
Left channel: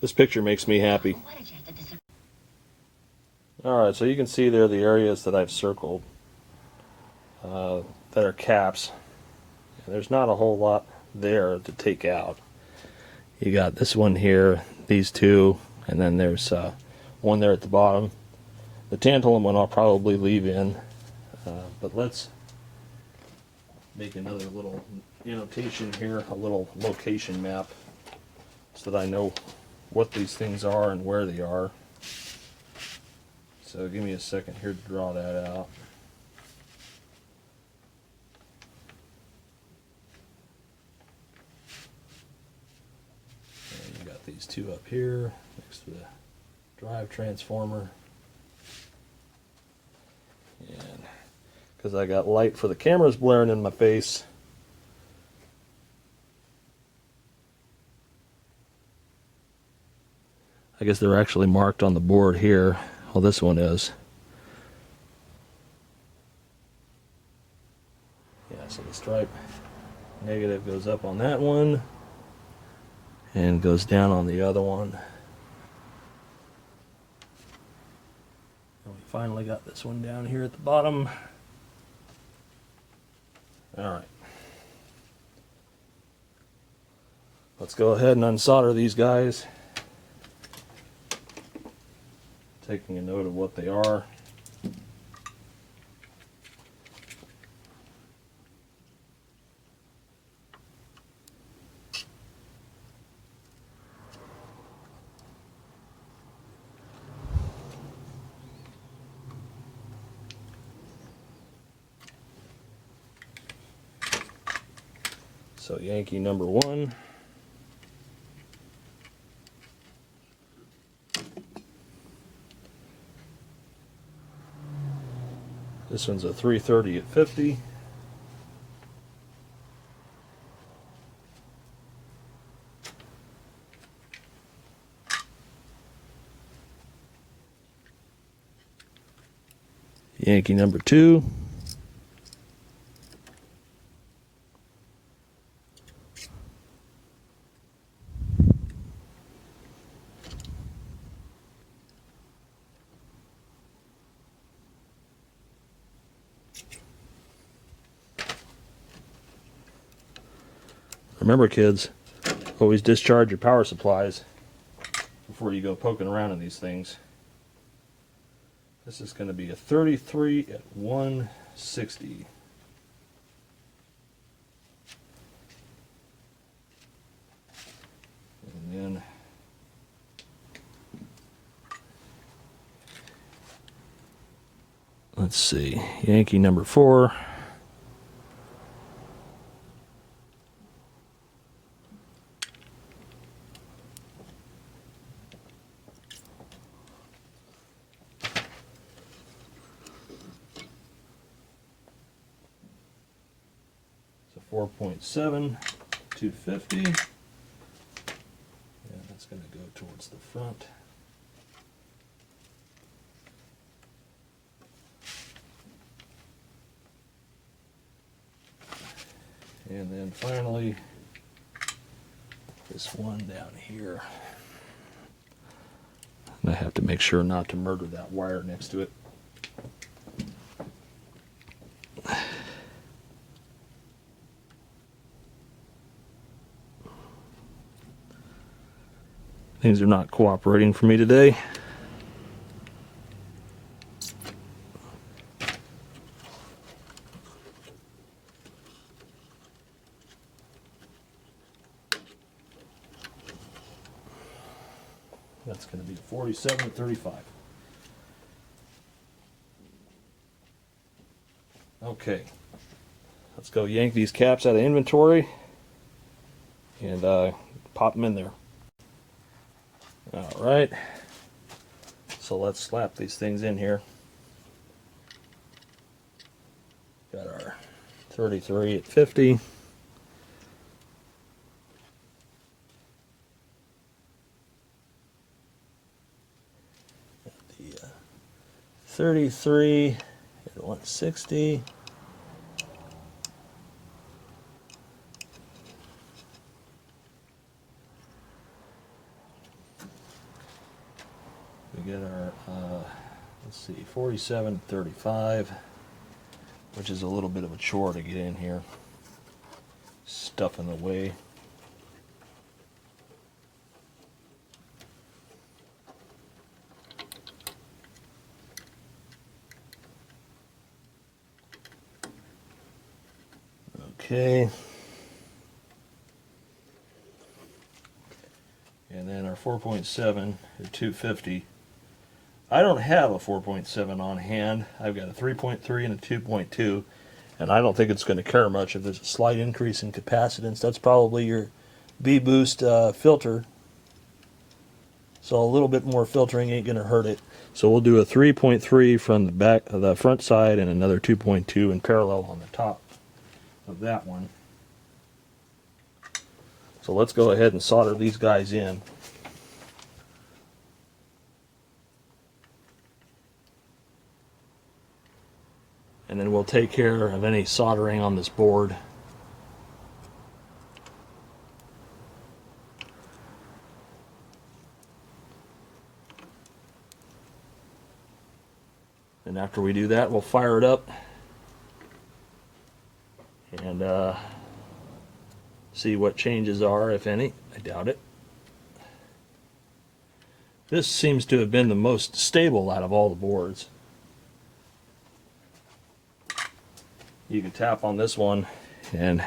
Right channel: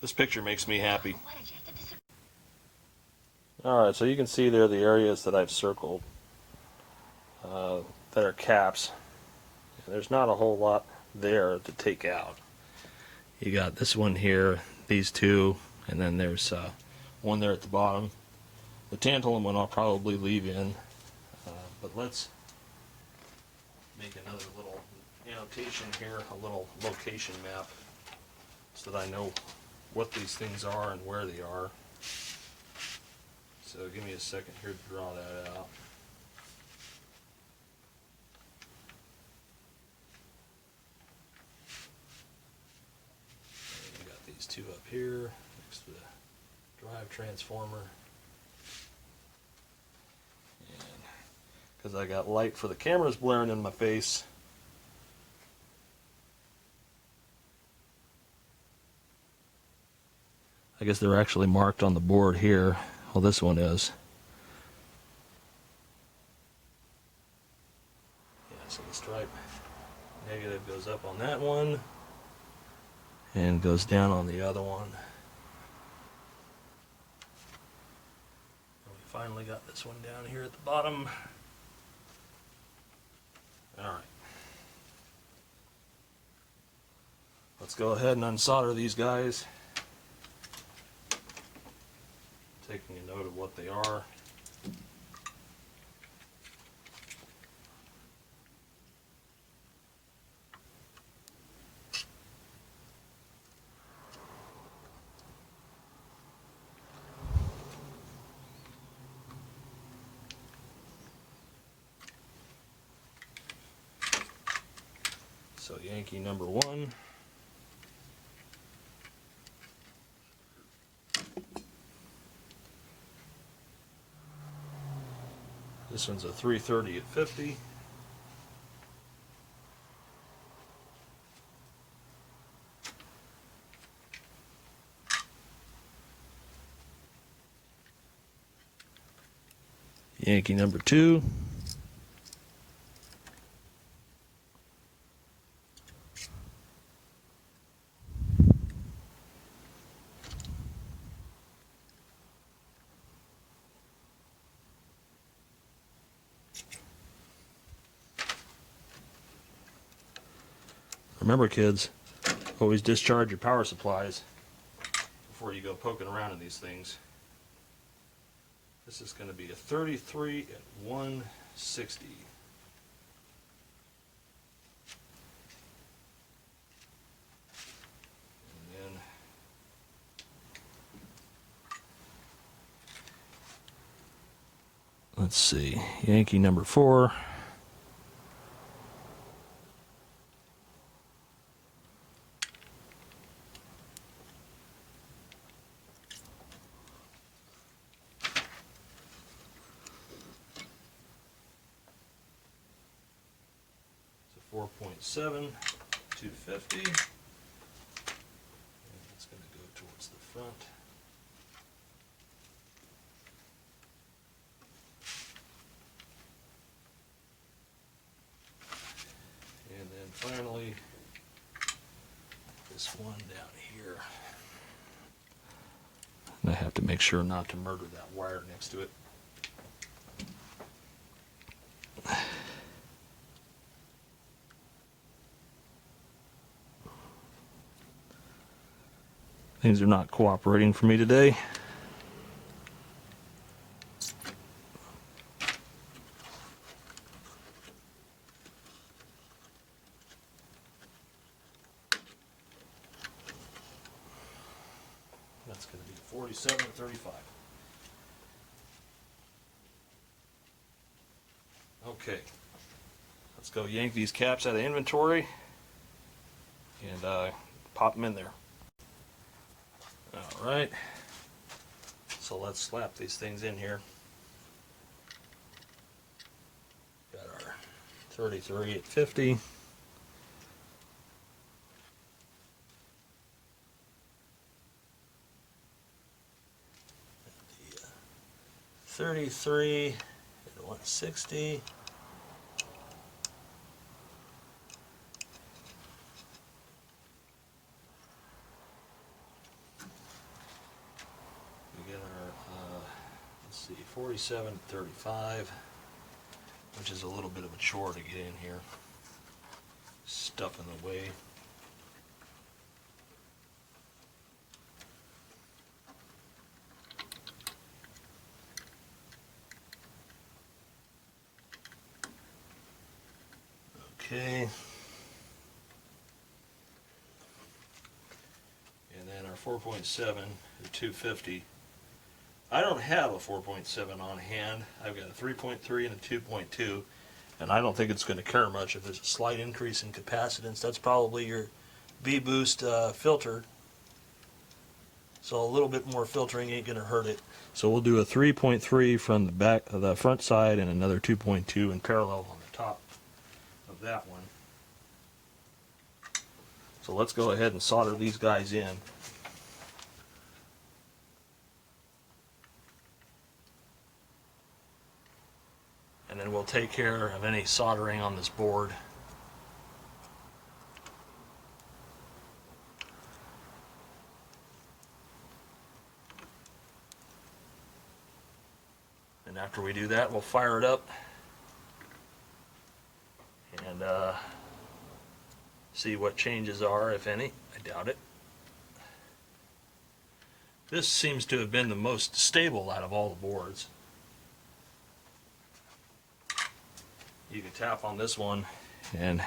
this picture makes me happy. Alright, so you can see there the areas that I've circled that are caps. There's not a whole lot there to take out. You got this one here, these 2, and then there's one there at the bottom. The tantalum one I'll probably leave in, but let's make another little annotation here, a little location map, so that I know what these things are and where they are. So give me a second here to draw that out. And you got these 2 up here next to the drive transformer. And because I got light for the cameras blaring in my face, I guess they're actually marked on the board here. Well, this one is. Yeah, so the stripe negative goes up on that one and goes down on the other one. And we finally got this one down here at the bottom. Alright. Let's go ahead and unsolder these guys. Taking a note of what they are. So Yankee number 1. This one's a 330 at 50. Yankee number 2. Remember, kids, always discharge your power supplies before you go poking around in these things. This is going to be a 33 at 160. And then let's see, Yankee number 4. So 4.7, 250. And that's going to go towards the front. And then finally, this one down here. And I have to make sure not to murder that wire next to it. Things are not cooperating for me today. That's going to be 47.35. Okay, let's go yank these caps out of inventory and pop them in there. All right, so let's slap these things in here. Got our 33 at 50. The 33 at 160. We get our, let's see, 47.35, which is a little bit of a chore to get in here. Stuff in the way. Okay. And then our 4.7 or 250. I don't have a 4.7 on hand. I've got a 3.3 and a 2.2, and I don't think it's going to care much if there's a slight increase in capacitance. That's probably your V-boost filter. So a little bit more filtering ain't going to hurt it. So we'll do a 3.3 from the back of the front side and another 2.2 in parallel on the top of that one. So let's go ahead and solder these guys in. And then we'll take care of any soldering on this board. And after we do that, we'll fire it up and see what changes are, if any. I doubt it. This seems to have been the most stable out of all the boards. You can tap on this one and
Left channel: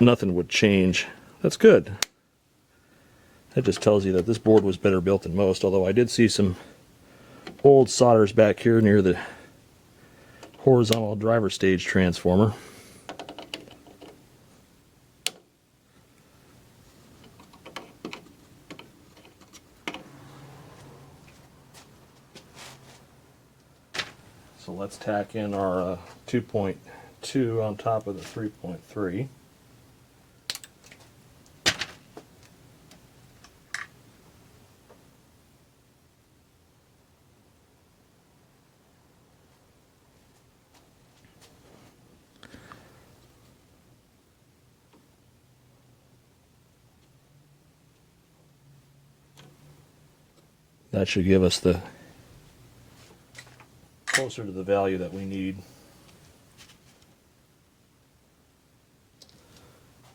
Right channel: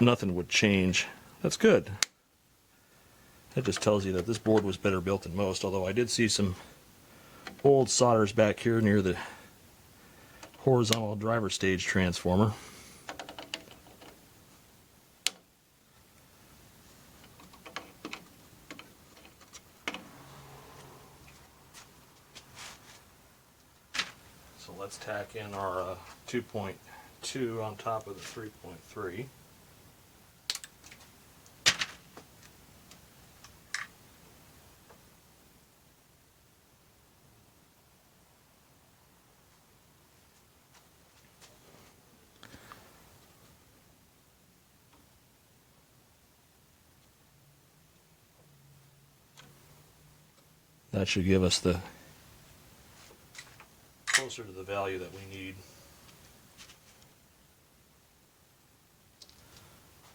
nothing would change. That's good. That just tells you that this board was better built than most, although I did see some old solders back here near the horizontal driver stage transformer. So let's tack in our 2.2 on top of the 3.3. That should give us the closer to the value that we need.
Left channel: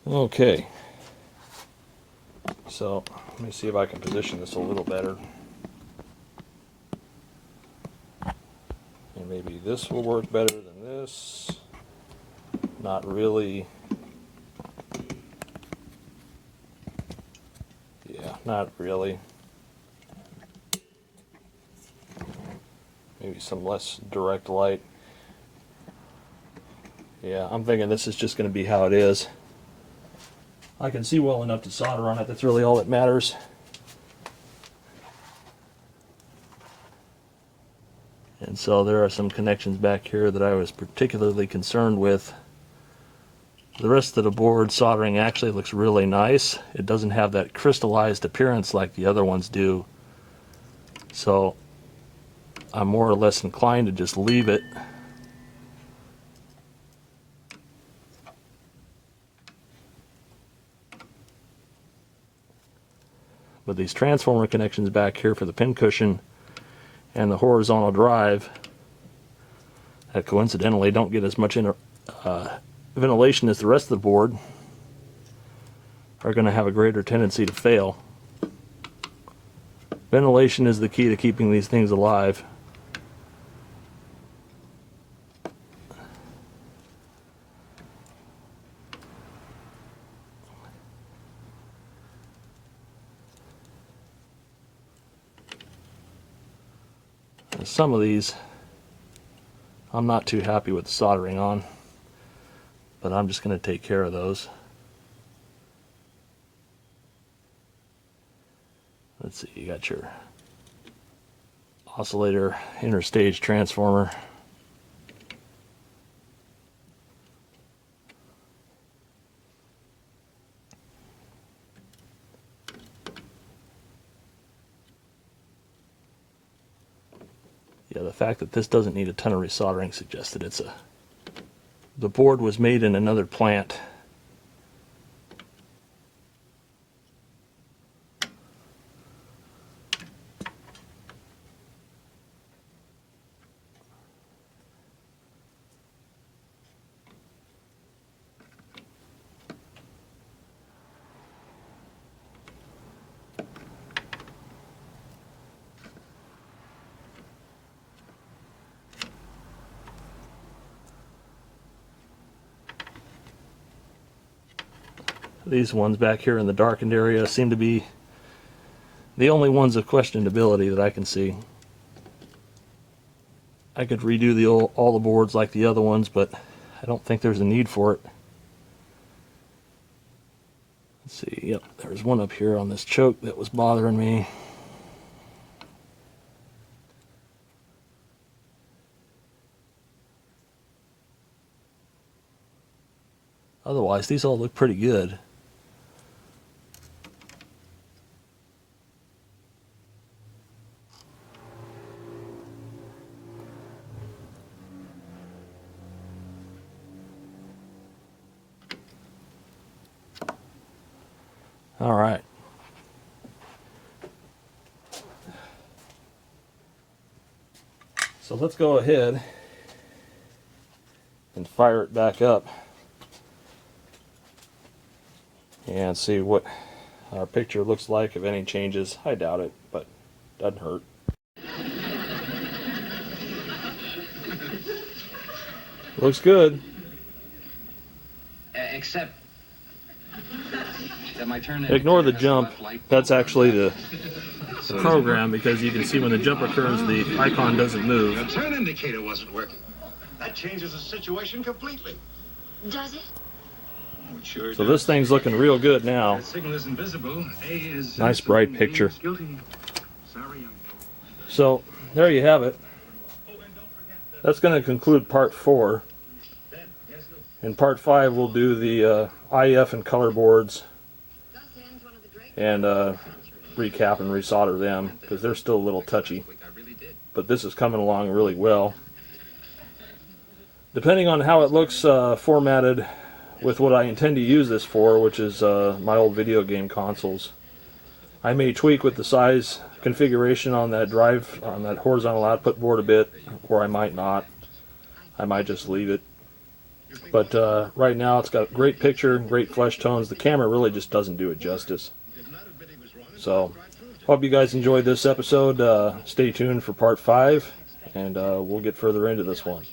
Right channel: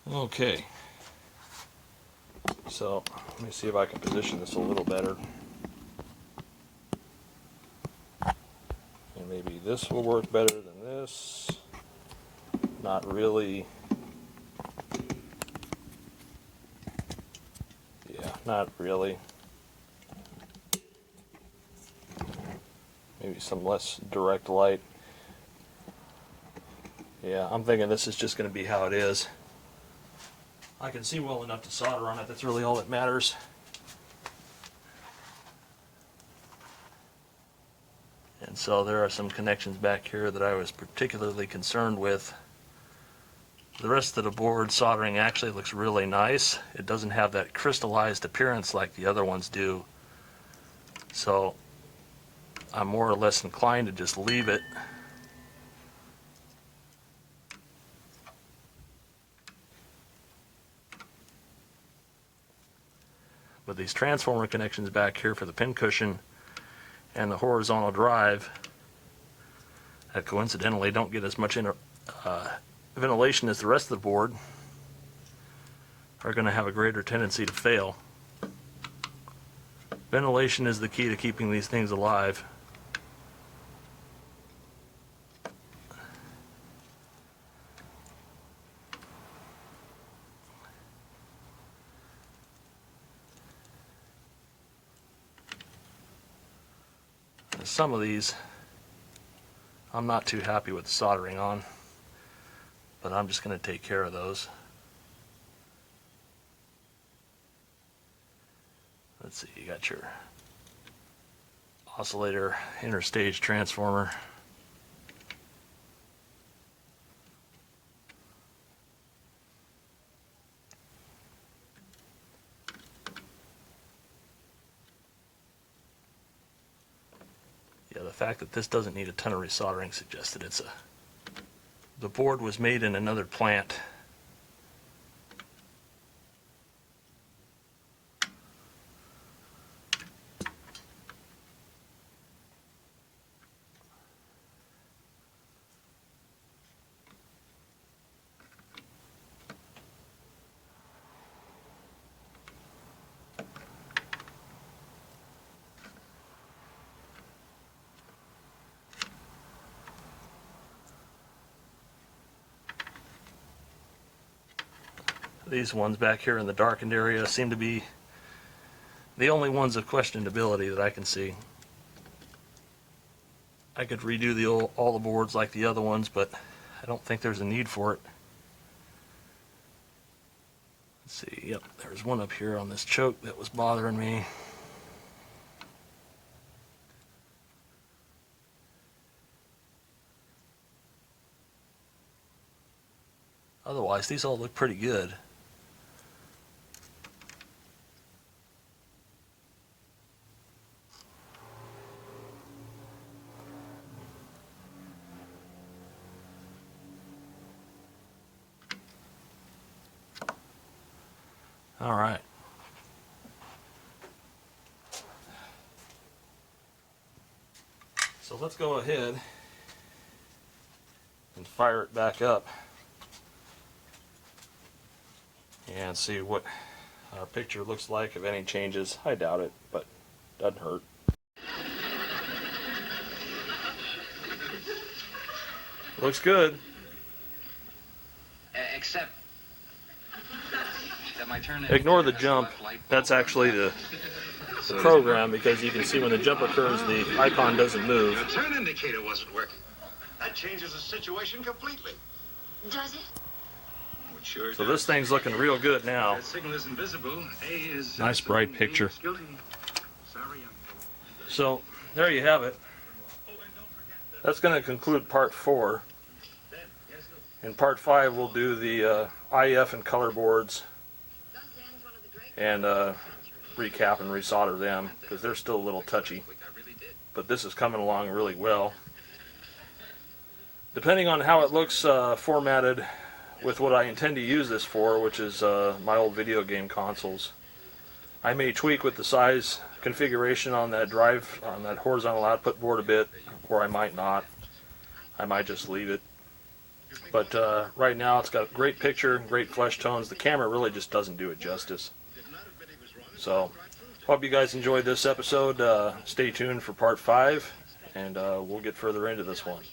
Okay, so let me see if I can position this a little better. And maybe this will work better than this. Not really. Yeah, not really. Maybe some less direct light. Yeah, I'm thinking this is just going to be how it is. I can see well enough to solder on it. That's really all that matters. And so there are some connections back here that I was particularly concerned with. The rest of the board soldering actually looks really nice. It doesn't have that crystallized appearance like the other ones do. So I'm more or less inclined to just leave it. But these transformer connections back here for the pin cushion and the horizontal drive that coincidentally don't get as much ventilation as the rest of the board are going to have a greater tendency to fail. Ventilation is the key to keeping these things alive. Some of these I'm not too happy with the soldering on, but I'm just going to take care of those. Let's see, you got your oscillator interstage transformer. Yeah, the fact that this doesn't need a ton of resoldering suggests that the board was made in another plant. These ones back here in the darkened area seem to be the only ones of questionability that I can see. I could redo all the boards like the other ones, but I don't think there's a need for it. Let's see, yep, there's one up here on this choke that was bothering me. Otherwise, these all look pretty good. All right. So let's go ahead and fire it back up and see what our picture looks like, if any changes. I doubt it, but doesn't hurt. Looks good. Except that my turn. Ignore the jump. That's actually the program, because you can see when the jump occurs, the icon doesn't move. The turn indicator wasn't working. That changes the situation completely. Does it? Oh, it sure So does. this thing's looking real good now. That signal isn't visible. A is Nice bright picture. guilty. Sorry, uncle. So there you have it. That's going to conclude part 4. In part 5 we'll do the IF and color boards and recap and resolder them, because they're still a little touchy. But this is coming along really well. Depending on how it looks formatted with what I intend to use this for, which is my old video game consoles, I may tweak with the size configuration on that drive, on that horizontal output board a bit, or I might not. I might just leave it. But right now it's got great picture, great flesh tones. The camera really just doesn't do it justice. So, hope you guys enjoyed this episode. Stay tuned for part 5, and we'll get further into this one.